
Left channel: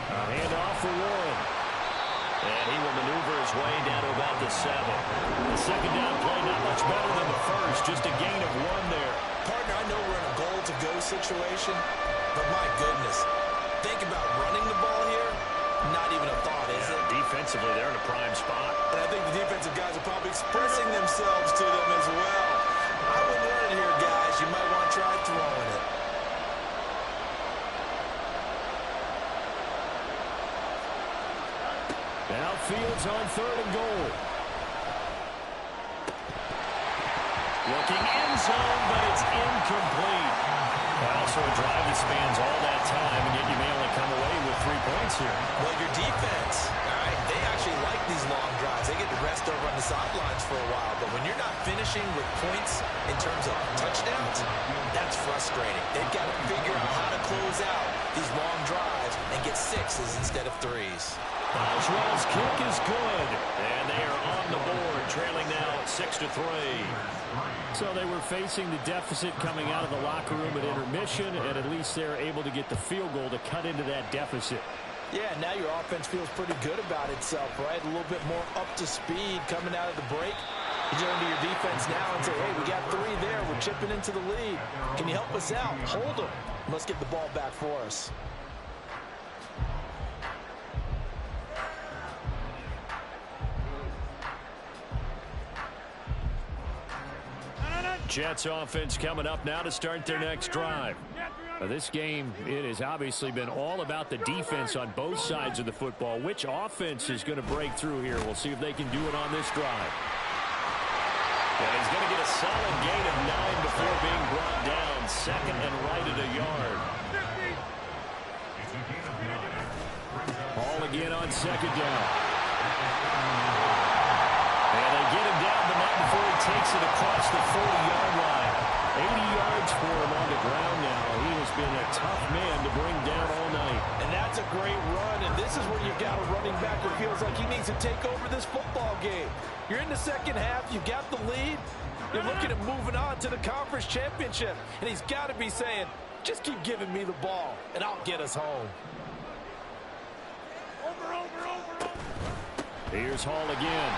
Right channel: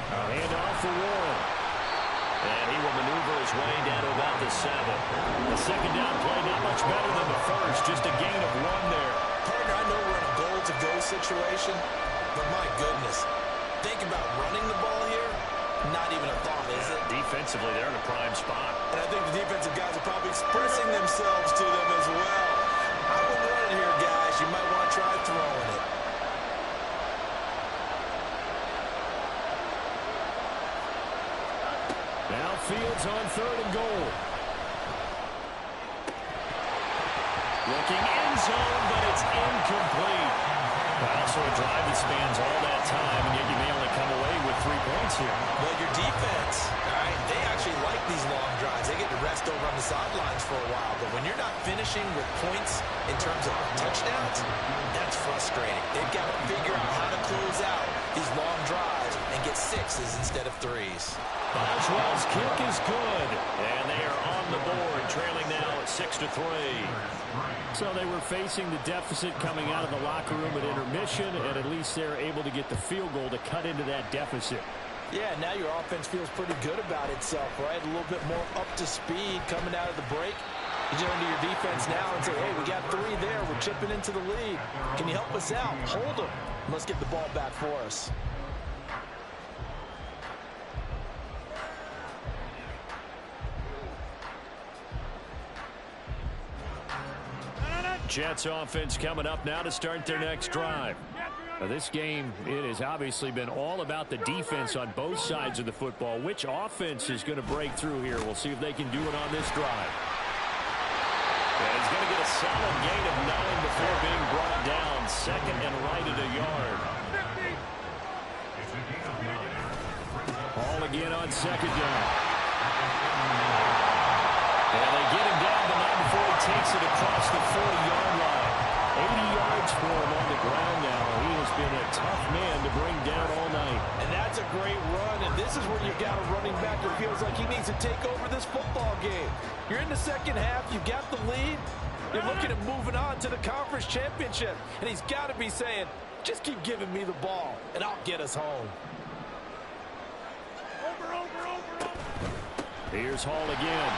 A handoff for Warren. And he will maneuver his way down to about the 7. The 2nd down play not much better than the first, just a gain of 1 there. Partner, I know we're in a goal-to-go situation, but my goodness, think about running the ball here. Not even a thought, is it? Defensively, they're in a prime spot. And I think the defensive guys are probably expressing themselves to them as well. I wouldn't run it here, guys. You might want to try throwing it. Now Fields on 3rd and goal. Looking end zone, but it's incomplete. Well, so a drive that spans all that time, and yet you may only come away with 3 points here. Well, your defense, all right, they actually like these long drives. They get to rest over on the sidelines for a while. But when you're not finishing with points in terms of touchdowns, that's frustrating. They've got to figure out how to close out these long drives and get 6s instead of 3s. Boswell's kick is good, and they are on the board, trailing now at 6-3. So they were facing the deficit coming out of the locker room at intermission, and at least they're able to get the field goal to cut into that deficit. Yeah, now your offense feels pretty good about itself, right? A little bit more up to speed coming out of the break. You turn to your defense now and say, hey, we got 3 there. We're chipping into the lead. Can you help us out? Hold them. Let's get the ball back for us. Jets offense coming up now to start their next drive. Now, this game, it has obviously been all about the defense on both sides of the football. Which offense is going to break through here? We'll see if they can do it on this drive. And he's going to get a solid gain of 9 before being brought down. 2nd and right at a yard. Ball again on 2nd down. And they get him down, but not before he takes it across the 40-yard line. 80 yards for him on the ground now. He has been a tough man to bring down all night. And that's a great run, and this is where you've got a running back who feels like he needs to take over this football game. You're in the second half. You've got the lead. You're looking at moving on to the conference championship, and he's got to be saying, just keep giving me the ball, and I'll get us home. Over. Here's Hall again.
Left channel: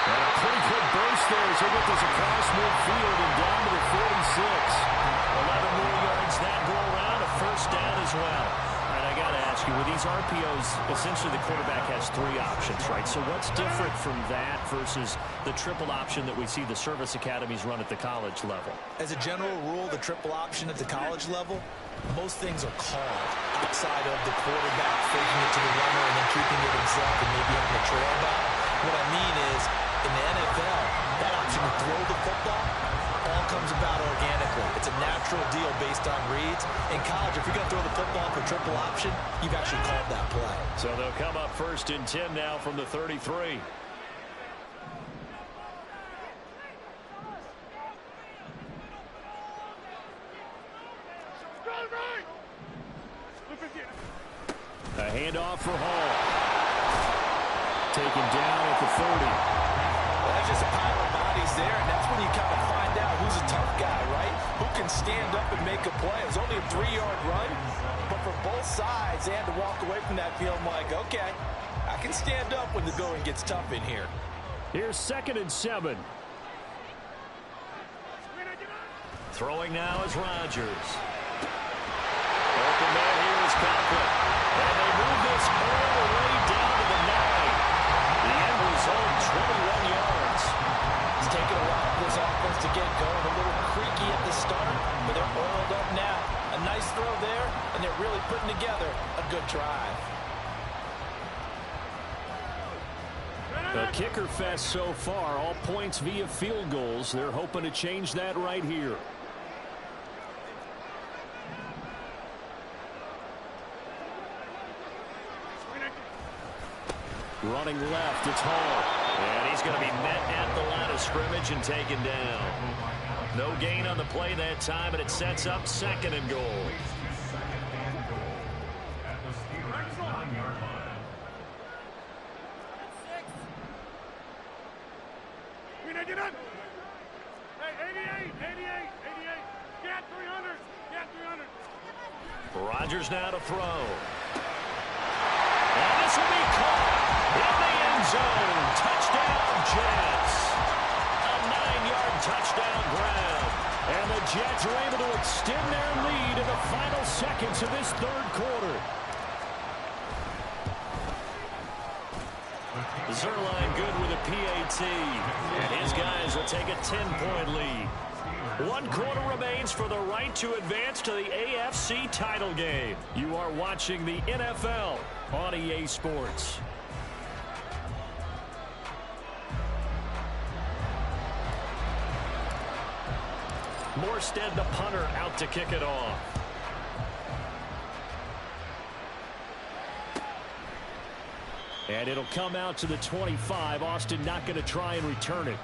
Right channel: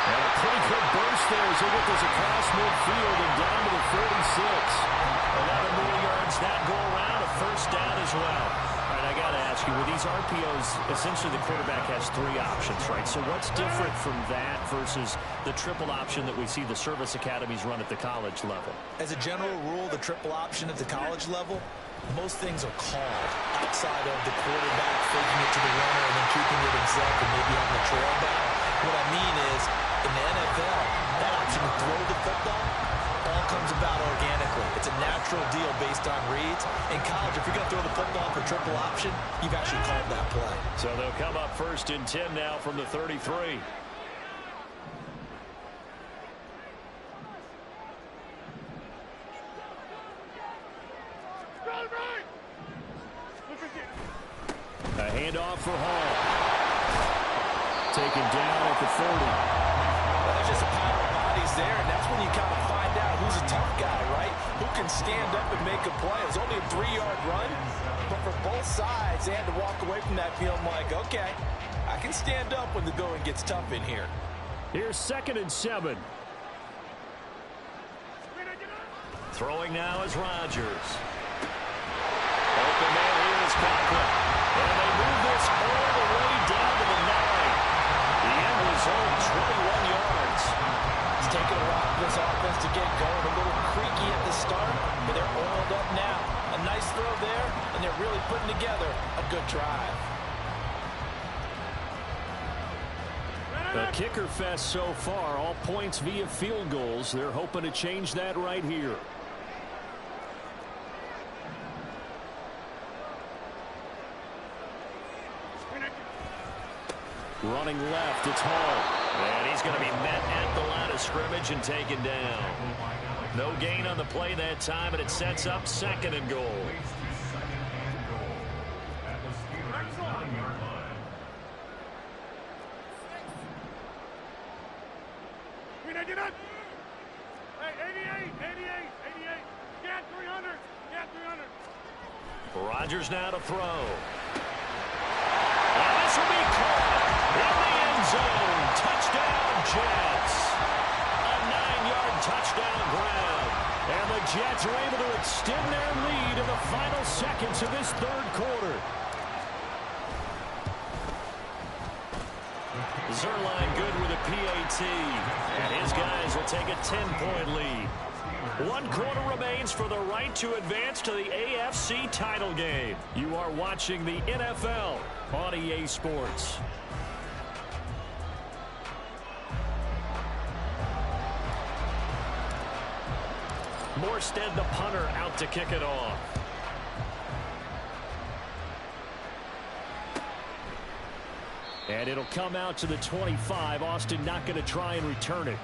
And a pretty good burst there as he gets this across midfield and down to the 46. 11 more yards that go around, a 1st down as well. All right, I got to ask you, with these RPOs, essentially the quarterback has 3 options, right? So what's different from that versus the triple option that we see the service academies run at the college level? As a general rule, the triple option at the college level, most things are called outside of the quarterback faking it to the runner and then keeping it himself and maybe having a trail back. What I mean is, in the NFL, that option to throw the football all comes about organically. It's a natural deal based on reads. In college, if you're going to throw the football for triple option, you've actually called that play. So they'll come up 1st and 10 now from the 33. A handoff for Hall. Taken down at the 30. Well, there's just a pile of bodies there, and that's when you kind of find out who's a tough guy, right? Who can stand up and make a play. It was only a 3-yard run, but for both sides, they had to walk away from that field like, okay, I can stand up when the going gets tough in here. Here's 2nd and 7. Throwing now is Rodgers. Open man here is Conklin. And they move this all the way down to the 9. The end result, 21 yards. It's taken a while for this offense to get going. A little creaky at the start, but they're oiled up now. A nice throw there, and they're really putting together a good drive. A kicker fest so far, all points via field goals. They're hoping to change that right here. Running left, it's Hall. And he's going to be met at the line of scrimmage and taken down. No gain on the play that time, and it sets up 2nd and goal. At the Steelers' 9-yard line. Get up. Hey, 88. Get 300. Rodgers now to throw. And this will be caught in the end zone. Touchdown, Jets. A 9-yard touchdown grab. And the Jets are able to extend their lead in the final seconds of this 3rd quarter. Zerline good with a PAT. And his guys will take a 10-point lead. 1 quarter remains for the right to advance to the AFC title game. You are watching the NFL on EA Sports. Morstead, the punter, out to kick it off. And it'll come out to the 25. Austin not going to try and return it.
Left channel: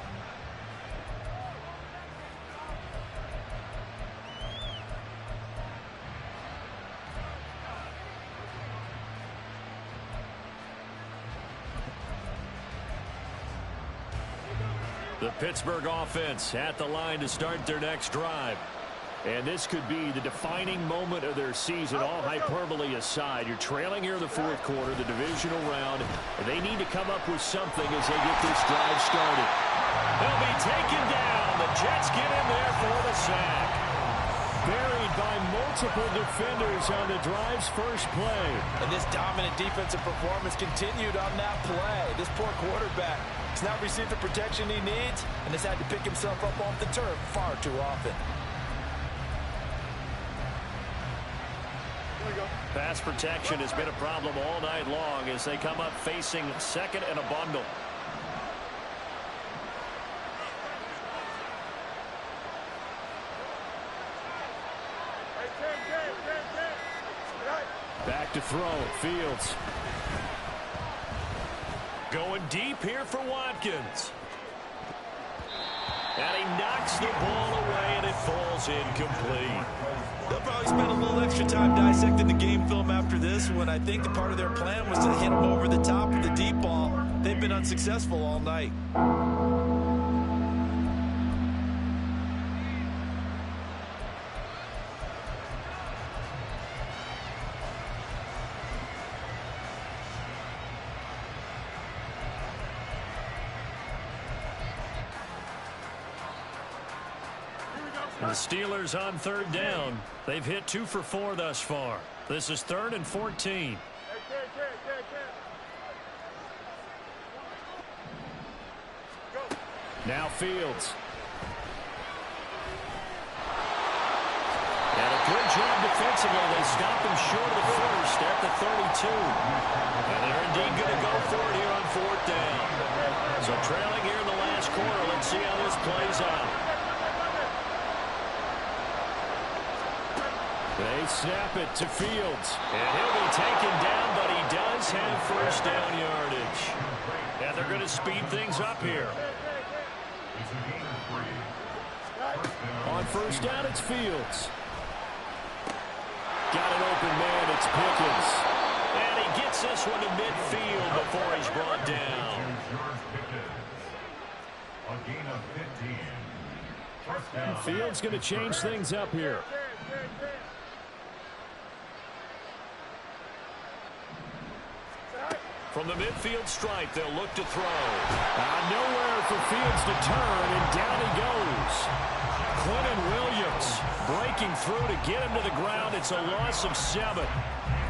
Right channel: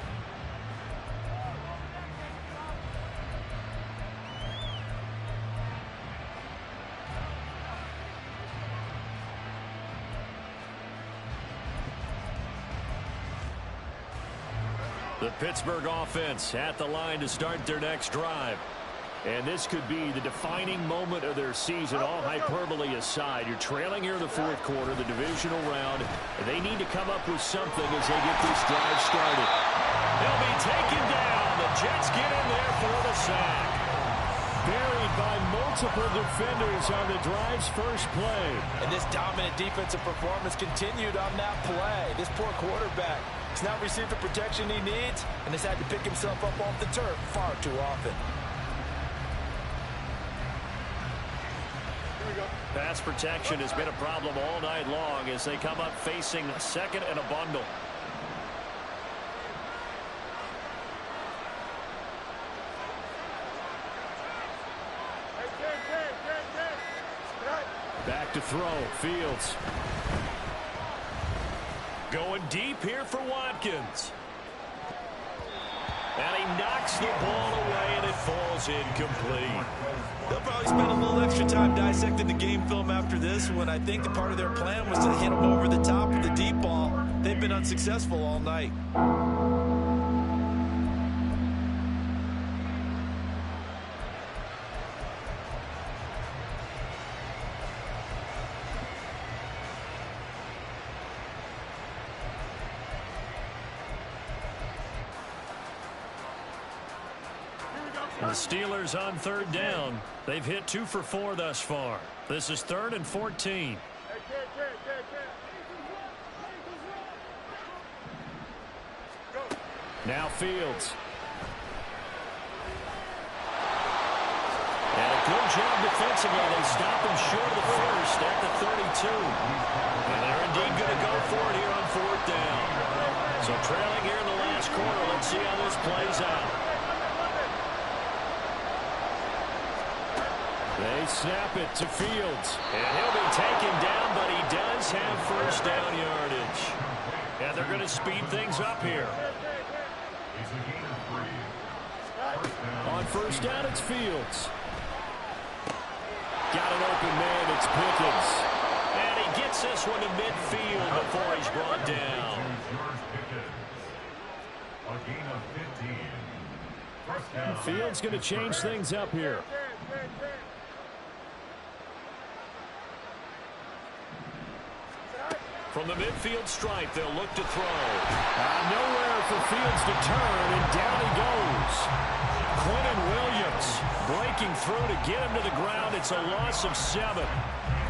The Pittsburgh offense at the line to start their next drive. And this could be the defining moment of their season, all hyperbole aside. You're trailing here in the 4th quarter, the divisional round. And they need to come up with something as they get this drive started. They'll be taken down. The Jets get in there for the sack. Buried by multiple defenders on the drive's first play. And this dominant defensive performance continued on that play. This poor quarterback has not received the protection he needs and has had to pick himself up off the turf far too often. Pass protection has been a problem all night long as they come up facing 2nd and a bundle. Back to throw, Fields. Going deep here for Watkins. And he knocks the ball away, and it falls incomplete. They'll probably spend a little extra time dissecting the game film after this one. I think the part of their plan was to hit him over the top of the deep ball. They've been unsuccessful all night. The Steelers on 3rd down. They've hit 2 for 4 thus far. This is 3rd and 14. Now Fields. And a good job defensively. They stop him short of the first at the 32. And they're indeed going to go for it here on 4th down. So trailing here in the last quarter. Let's see how this plays out. They snap it to Fields. And he'll be taken down, but he does have first down yardage. And they're going to speed things up here. On first down, it's Fields. Got an open man, it's Pickens. And he gets this one to midfield before he's brought down. A gain of 15. First down. Fields going to change things up here. From the midfield stripe, they'll look to throw. Nowhere for Fields to turn, and down he goes. Quinnen Williams breaking through to get him to the ground. It's a loss of 7.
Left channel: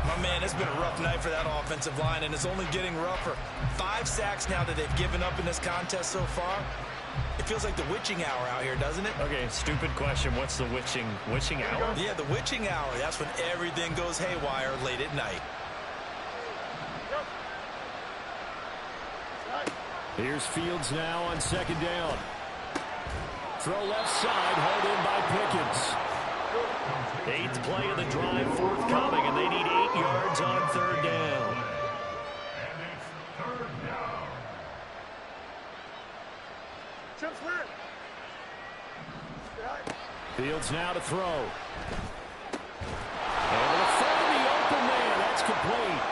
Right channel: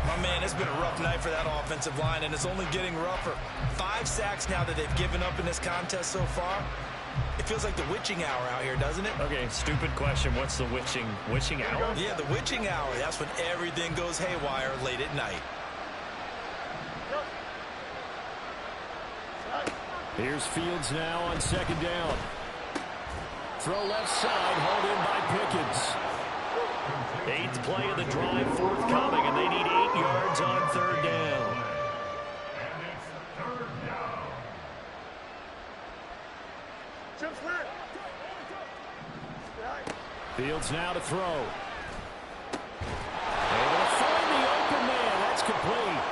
My man, it's been a rough night for that offensive line, and it's only getting rougher. 5 sacks now that they've given up in this contest so far. It feels like the witching hour out here, doesn't it? Okay, stupid question. What's the witching hour? Yeah, the witching hour. That's when everything goes haywire late at night. Here's Fields now on 2nd down. Throw left side, hauled in by Pickens. 8th play of the drive forthcoming, and they need 8 yards on 3rd down. And it's 3rd down. Fields now to throw. Able to find the open man. That's complete.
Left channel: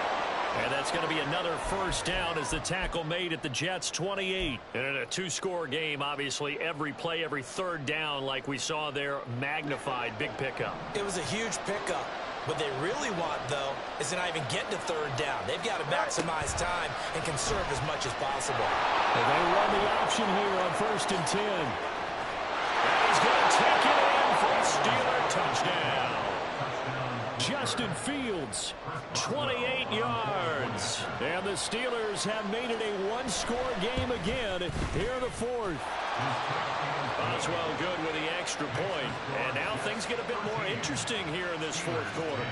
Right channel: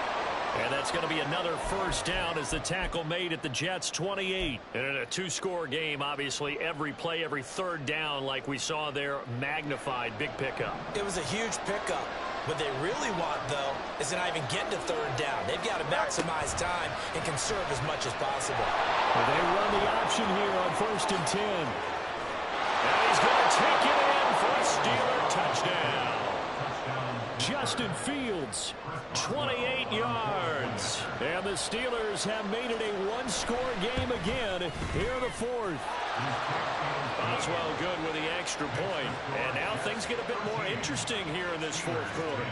And that's going to be another 1st down as the tackle made at the Jets' 28. And in a 2-score game, obviously, every play, every 3rd down, like we saw there, magnified. Big pickup. It was a huge pickup. What they really want, though, is to not even get to 3rd down. They've got to maximize time and conserve as much as possible. And they run the option here on 1st and 10. And he's going to take it in for a Steeler touchdown. Justin Fields, 28 yards. And the Steelers have made it a 1-score game again here in the 4th. Boswell good with the extra point. And now things get a bit more interesting here in this 4th quarter.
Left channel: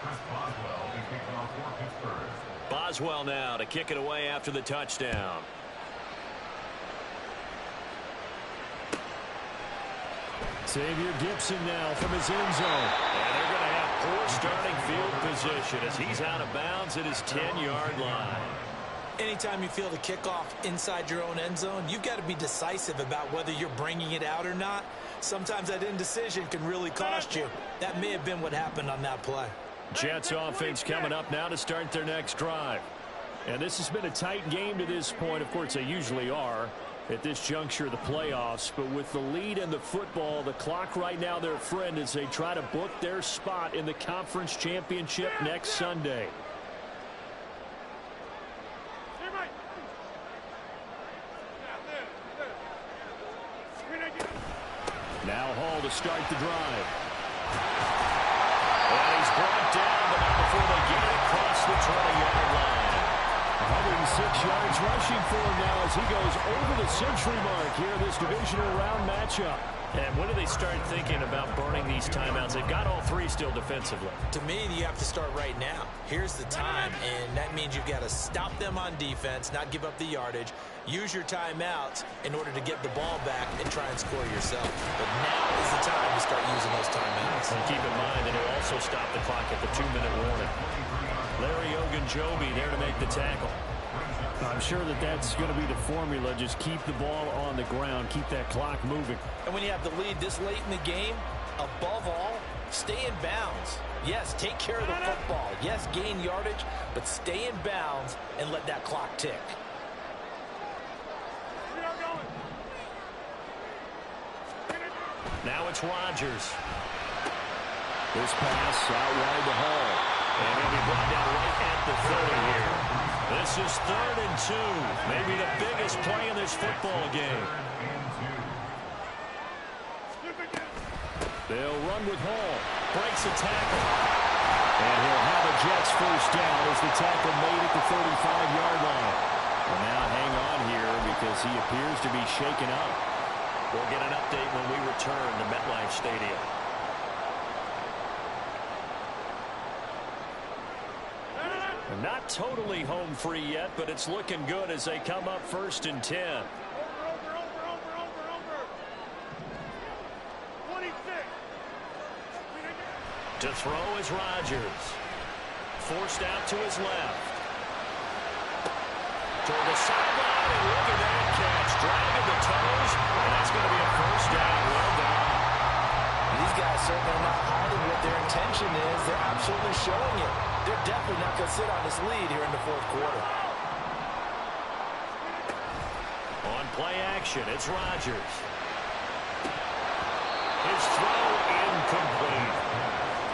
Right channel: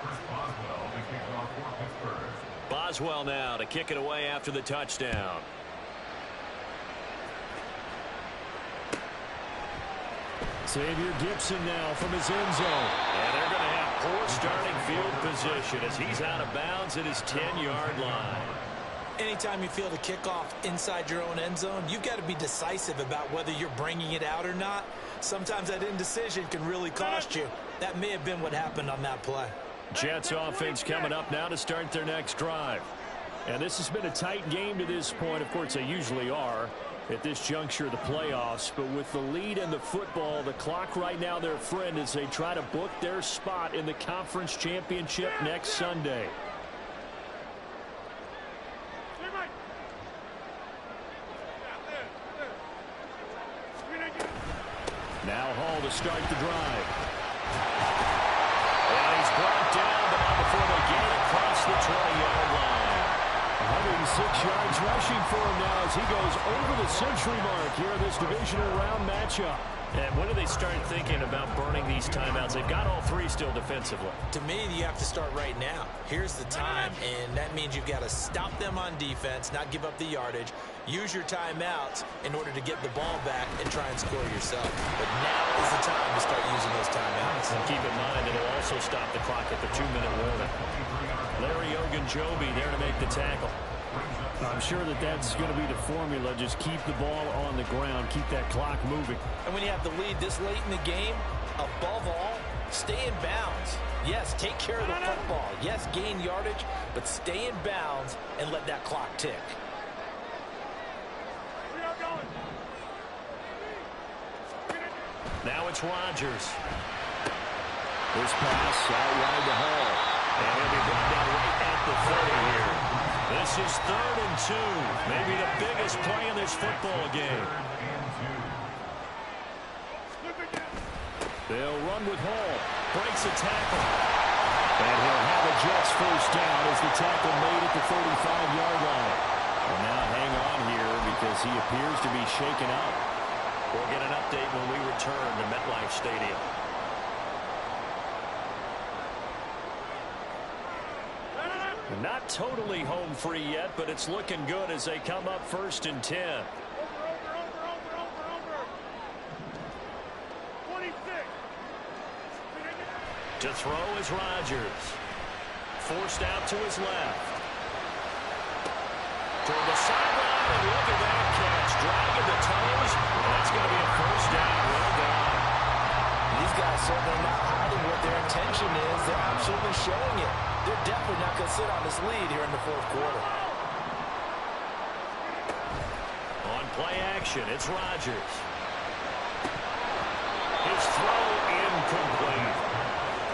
Chris Boswell to kick off for Pittsburgh. Boswell now to kick it away after the touchdown. Xavier Gibson now from his end zone. And they're going to have poor starting field position as he's out of bounds at his 10-yard line. Anytime you feel the kickoff inside your own end zone, you've got to be decisive about whether you're bringing it out or not. Sometimes that indecision can really cost you. That may have been what happened on that play. Jets offense coming up now to start their next drive. And this has been a tight game to this point. Of course, they usually are at this juncture of the playoffs. But with the lead in the football, the clock right now their friend as they try to book their spot in the conference championship next Sunday. Now Hall to start the drive. And he's brought down, but not before they get it across the 20-yard line. 106 yards rushing for him now as he goes over the century mark here in this divisional round matchup. And when do they start thinking about burning these timeouts? They've got all 3 still defensively. To me, you have to start right now. Here's the time, and that means you've got to stop them on defense, not give up the yardage, use your timeouts in order to get the ball back and try and score yourself. But now is the time to start using those timeouts. And keep in mind, it'll also stop the clock at the 2-minute warning. Larry Ogunjobi there to make the tackle. I'm sure that that's going to be the formula. Just keep the ball on the ground. Keep that clock moving. And when you have the lead this late in the game, above all, stay in bounds. Yes, take care of the football. Yes, gain yardage, but stay in bounds and let that clock tick. Now it's Rodgers. This pass out wide to Hall. And he'll be brought down right at the 30 here. This is 3rd and 2. Maybe the biggest play in this football game. They'll run with Hall. Breaks a tackle. And he'll have a Jets 1st down as the tackle made at the 35-yard line. Well, now hang on here because he appears to be shaken up. We'll get an update when we return to MetLife Stadium. Not totally home free yet, but it's looking good as they come up 1st and 10. Over. 26. To throw is Rodgers. Forced out to his left. Toward the sideline, and look at that catch. Dragging the toes, and that's going to be a 1st down. Well done. These guys certainly are not hiding what their intention is. They're absolutely showing it. They're definitely not going to sit on this lead here in the 4th quarter. On play action, it's Rodgers. His throw incomplete.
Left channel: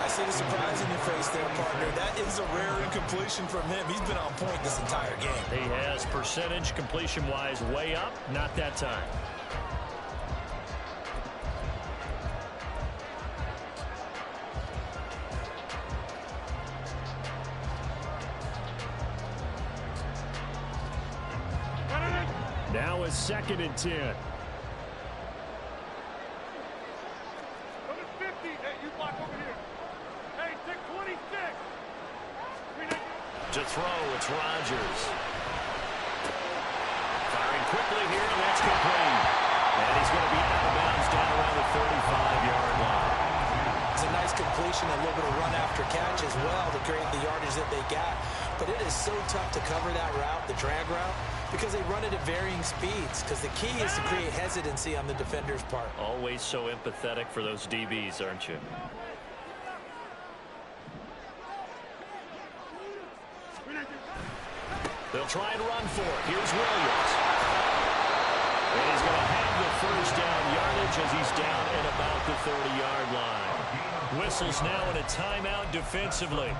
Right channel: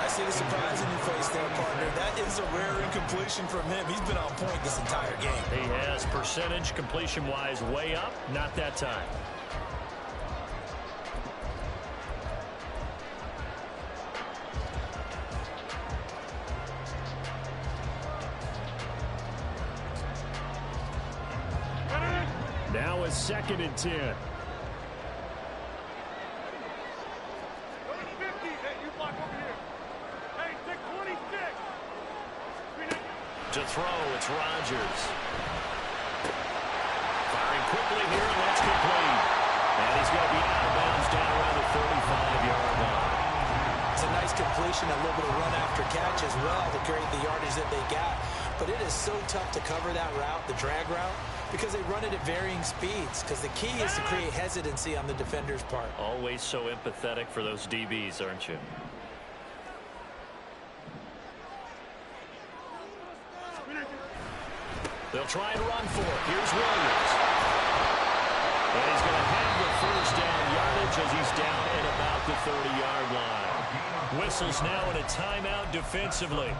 I see the surprise in your face there, partner. That is a rare incompletion from him. He's been on point this entire game. He has percentage completion-wise way up. Not that time. Now a 2nd and 10. Go to 50. Hey, you block over here. Hey, take 26. To throw, it's Rodgers. Firing quickly here, and that's complete. And he's going to be out of bounds down around the 35-yard line. It's a nice completion, a little bit of run after catch as well to create the yardage that they got. But it is so tough to cover that route, the drag route, because they run it at varying speeds. Because the key is to create hesitancy on the defender's part. Always so empathetic for those DBs, aren't you? They'll try and run for it. Here's Williams. And he's going to have the first down yardage as he's down at about the 30-yard line. Whistles now in a timeout defensively.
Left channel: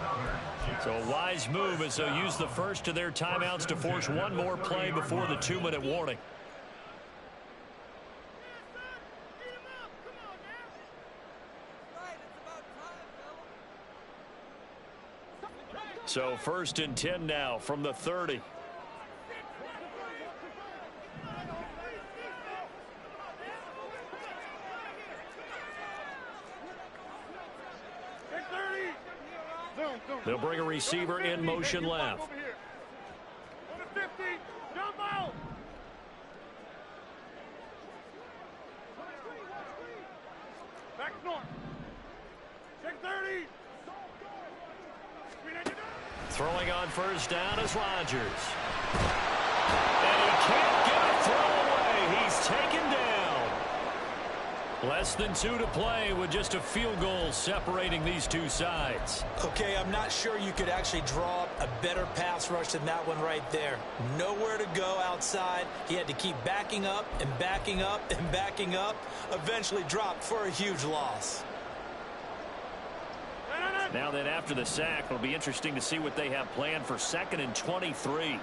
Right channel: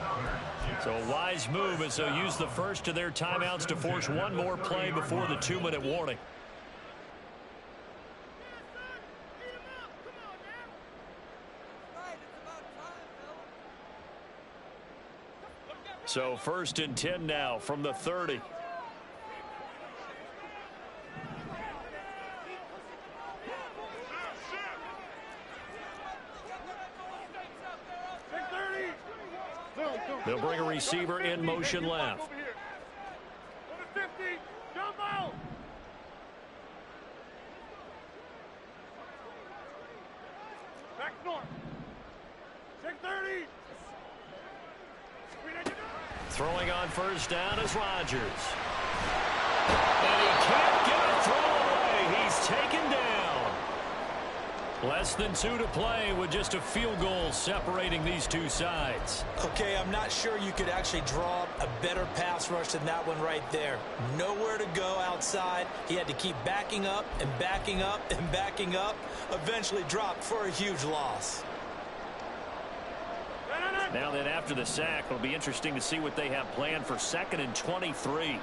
So a wise move as they'll use the first of their timeouts to force one more play before the 2-minute warning. So 1st and 10 now from the 30. They'll bring a receiver in motion left. Go to 50. Jump out. Back north. Check 30. Throwing on first down is Rodgers. And he can't get a throw away. He's taken down. Less than 2 to play with just a field goal separating these two sides. Okay, I'm not sure you could actually draw up a better pass rush than that one right there. Nowhere to go outside. He had to keep backing up and backing up and backing up. Eventually dropped for a huge loss. Now then, after the sack, it'll be interesting to see what they have planned for 2nd and 23.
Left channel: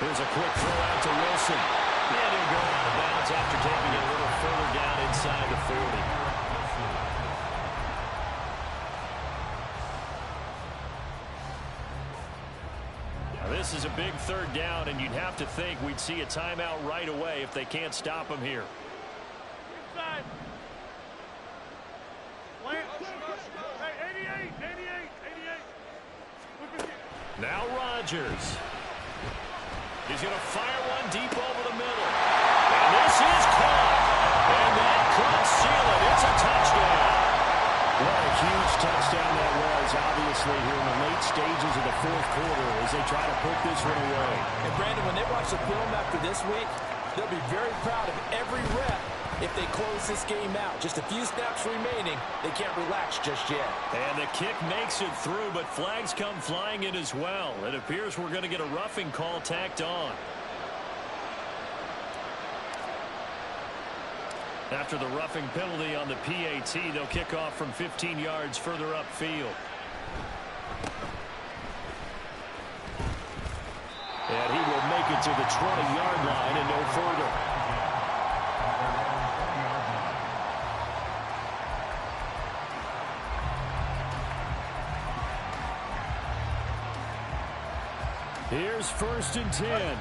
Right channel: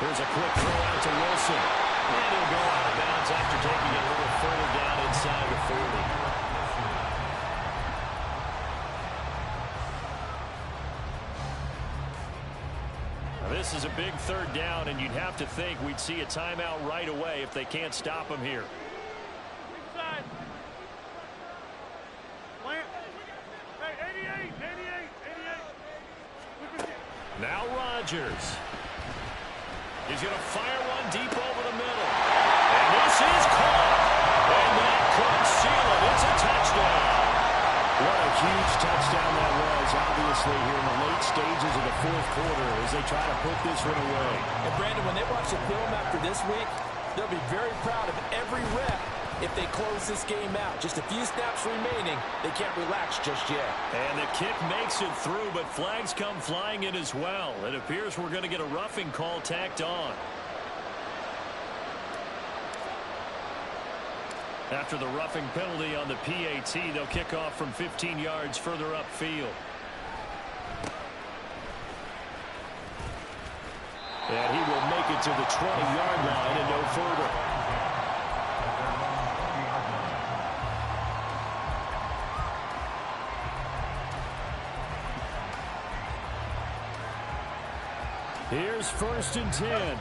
Here's a quick throw out to Wilson. And he'll go out of bounds after taking it a little further down inside the 40. Now this is a big 3rd down, and you'd have to think we'd see a timeout right away if they can't stop him here. Inside. Plant. Hey, 88. Now Rodgers. He's going to fire one deep over the middle. And this is caught. And that could seal it. It's a touchdown. What a huge touchdown that was, obviously, here in the late stages of the 4th quarter as they try to put this one away. And, Brandon, when they watch the film after this week, they'll be very proud of every rep if they close this game out. Just a few snaps remaining. They can't relax just yet. And the kick makes it through, but flags come flying in as well. It appears we're going to get a roughing call tacked on. After the roughing penalty on the PAT, they'll kick off from 15 yards further upfield. And he will make it to the 20-yard line and no further. Here's 1st and 10.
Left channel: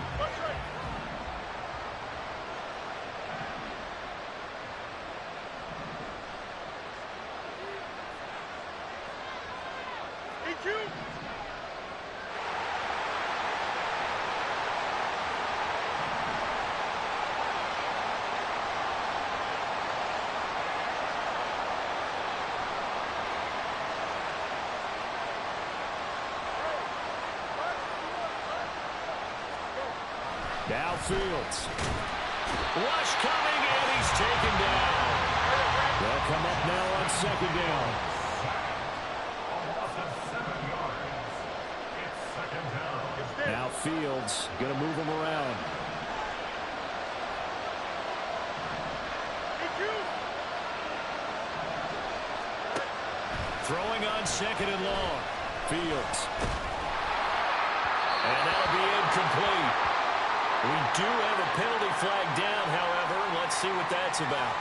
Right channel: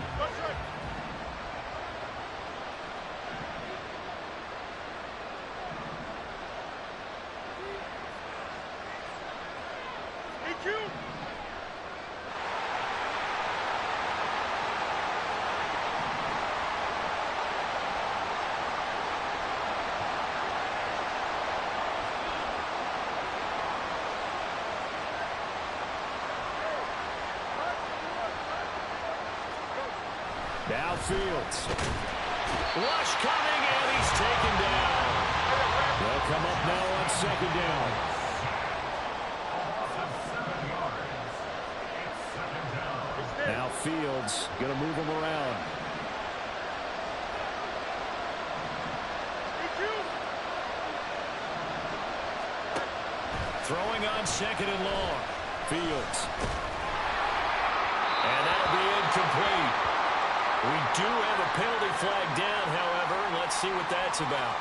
Now Fields. Rush coming, and he's taken down. They'll come up now on 2nd down. Now Fields going to move him around. Throwing on second and long. Fields. And that'll be incomplete. We do have a penalty flag down, however. Let's see what that's about.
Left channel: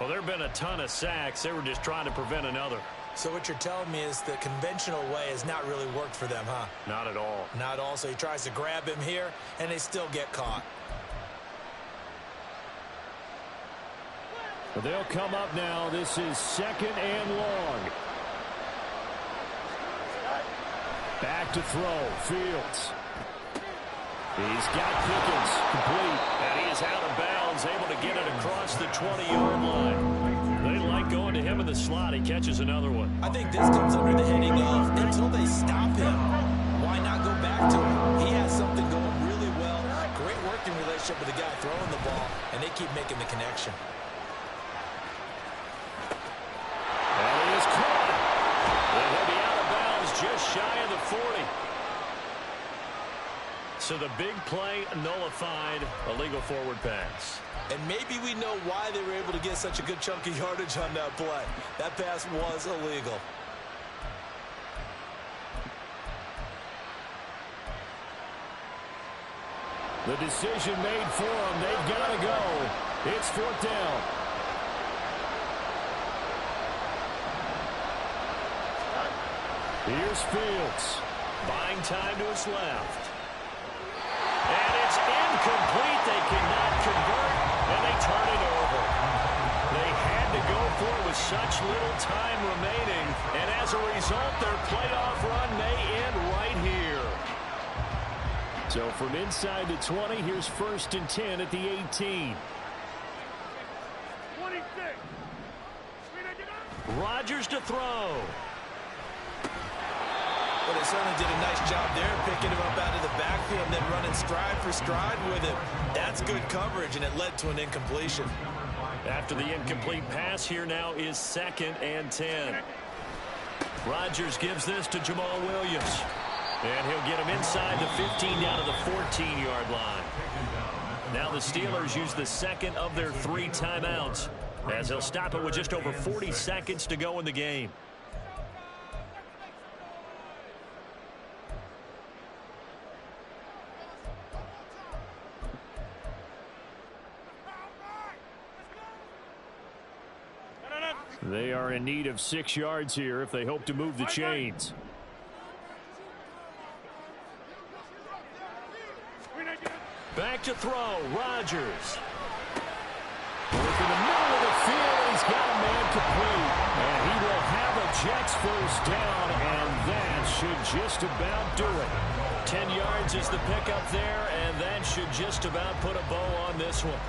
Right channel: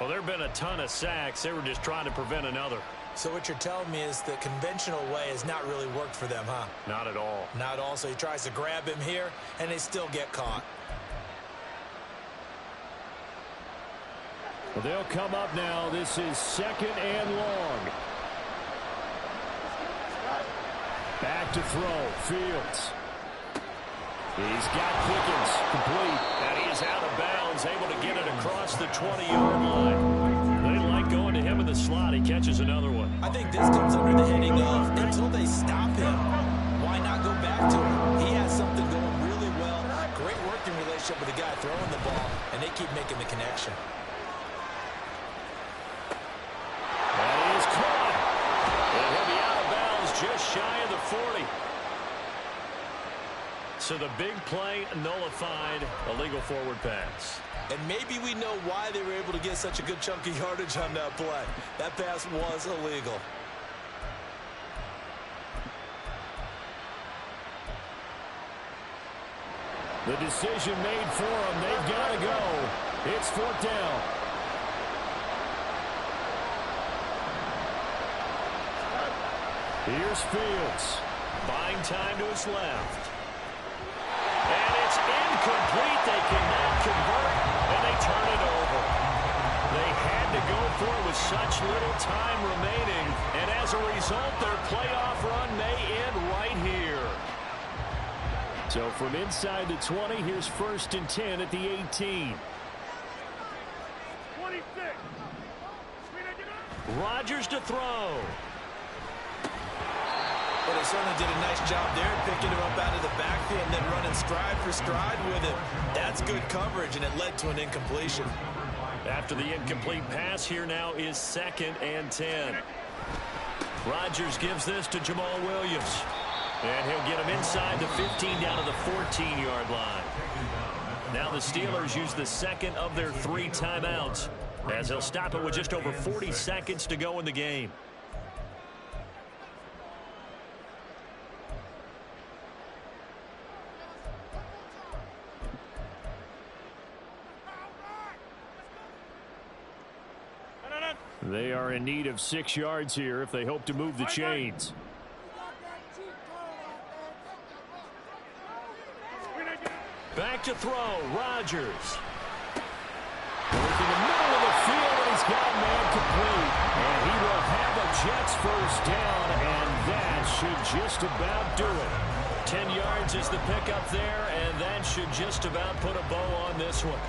Well, there have been a ton of sacks. They were just trying to prevent another. So what you're telling me is the conventional way has not really worked for them, huh? Not at all. Not at all. So he tries to grab him here, and they still get caught. Well, they'll come up now. This is second and long. Back to throw. Fields. He's got Pickens complete. And he is out of bounds, able to get it across the 20-yard line. They like going to him in the slot. He catches another one. I think this comes under the heading of until they stop him, why not go back to him? He has something going really well. Great working relationship with the guy throwing the ball, and they keep making the connection. And he is caught. And he'll be out of bounds just shy of the 40. So the big play nullified, illegal forward pass. And maybe we know why they were able to get such a good chunk of yardage on that play. That pass was illegal. The decision made for them. They've got to go. It's fourth down. Here's Fields. Buying time to his left. And it's incomplete. They cannot convert, and they turn it over. They had to go for it with such little time remaining, and as a result, their playoff run may end right here. So from inside the 20, here's first and 10 at the 18. 26. Rodgers to throw. Well, they certainly did a nice job there, picking him up out of the backfield and then running stride for stride with him. That's good coverage, and it led to an incompletion. After the incomplete pass, here now is second and 10. Rodgers gives this to Jamal Williams. And he'll get him inside the 15 down to the 14-yard line. Now the Steelers use the second of their 3 timeouts, as they'll stop it with just over 40 seconds to go in the game. They are in need of 6 yards here if they hope to move the chains. Back to throw. Rodgers. Work in the middle of the field, and he's got a man complete. And he will have a Jets first down, and that should just about do it. 10 yards is the pickup there, and that should just about put a bow on this one.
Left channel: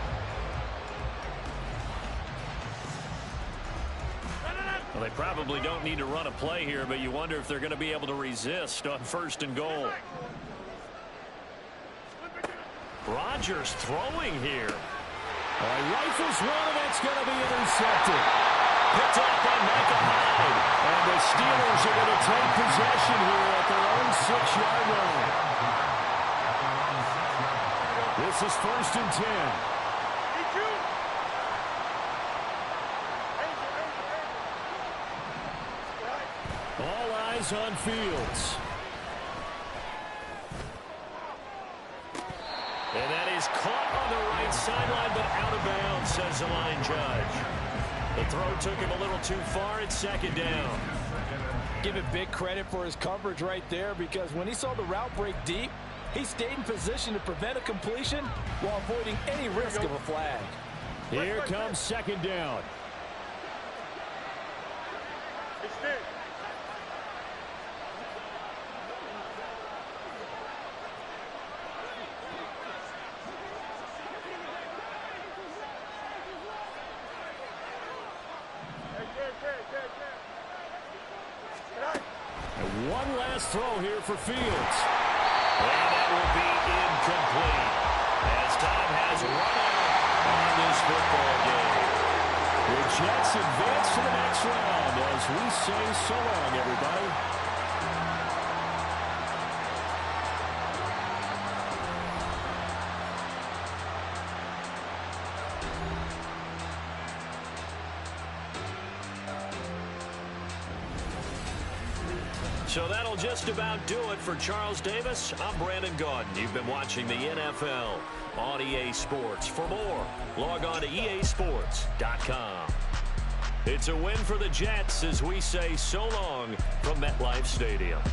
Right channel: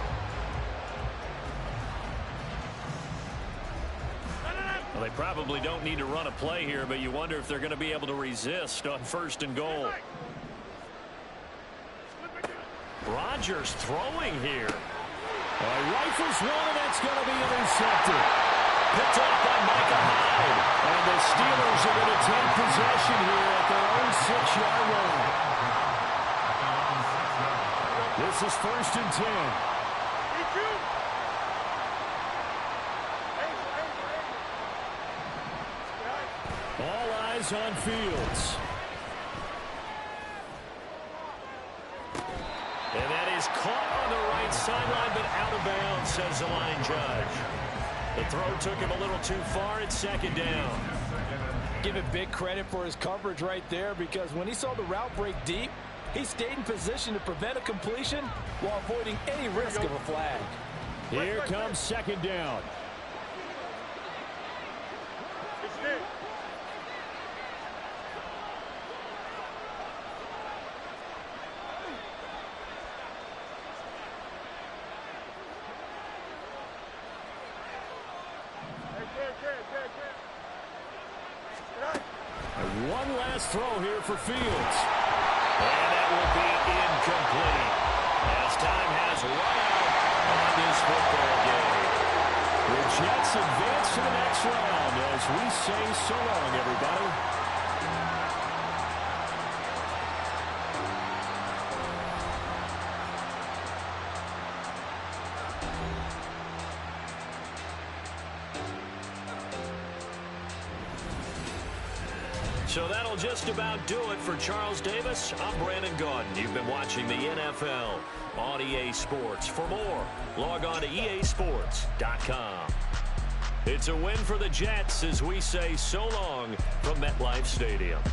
Well, they probably don't need to run a play here, but you wonder if they're going to be able to resist on first and goal. Rodgers throwing here. Well, he rifles one, and that's going to be intercepted. Picked off by Micah Hyde. And the Steelers are going to take possession here at their own 6-yard line. This is first and 10. All eyes on Fields. And that is caught on the right sideline, but out of bounds, says the line judge. The throw took him a little too far. It's second down. Give it big credit for his coverage right there, because when he saw the route break deep, he stayed in position to prevent a completion while avoiding any risk of a flag. Here comes second down. It's Nick. And one last throw here for Fields. And that will be incomplete, as time has run out on this football game. The Jets advance to the next round as we say so long, everybody. So that'll just about do it for Charles Davis. I'm Brandon Gaudin. You've been watching the NFL on EA Sports. For more, log on to easports.com. It's a win for the Jets as we say so long from MetLife Stadium.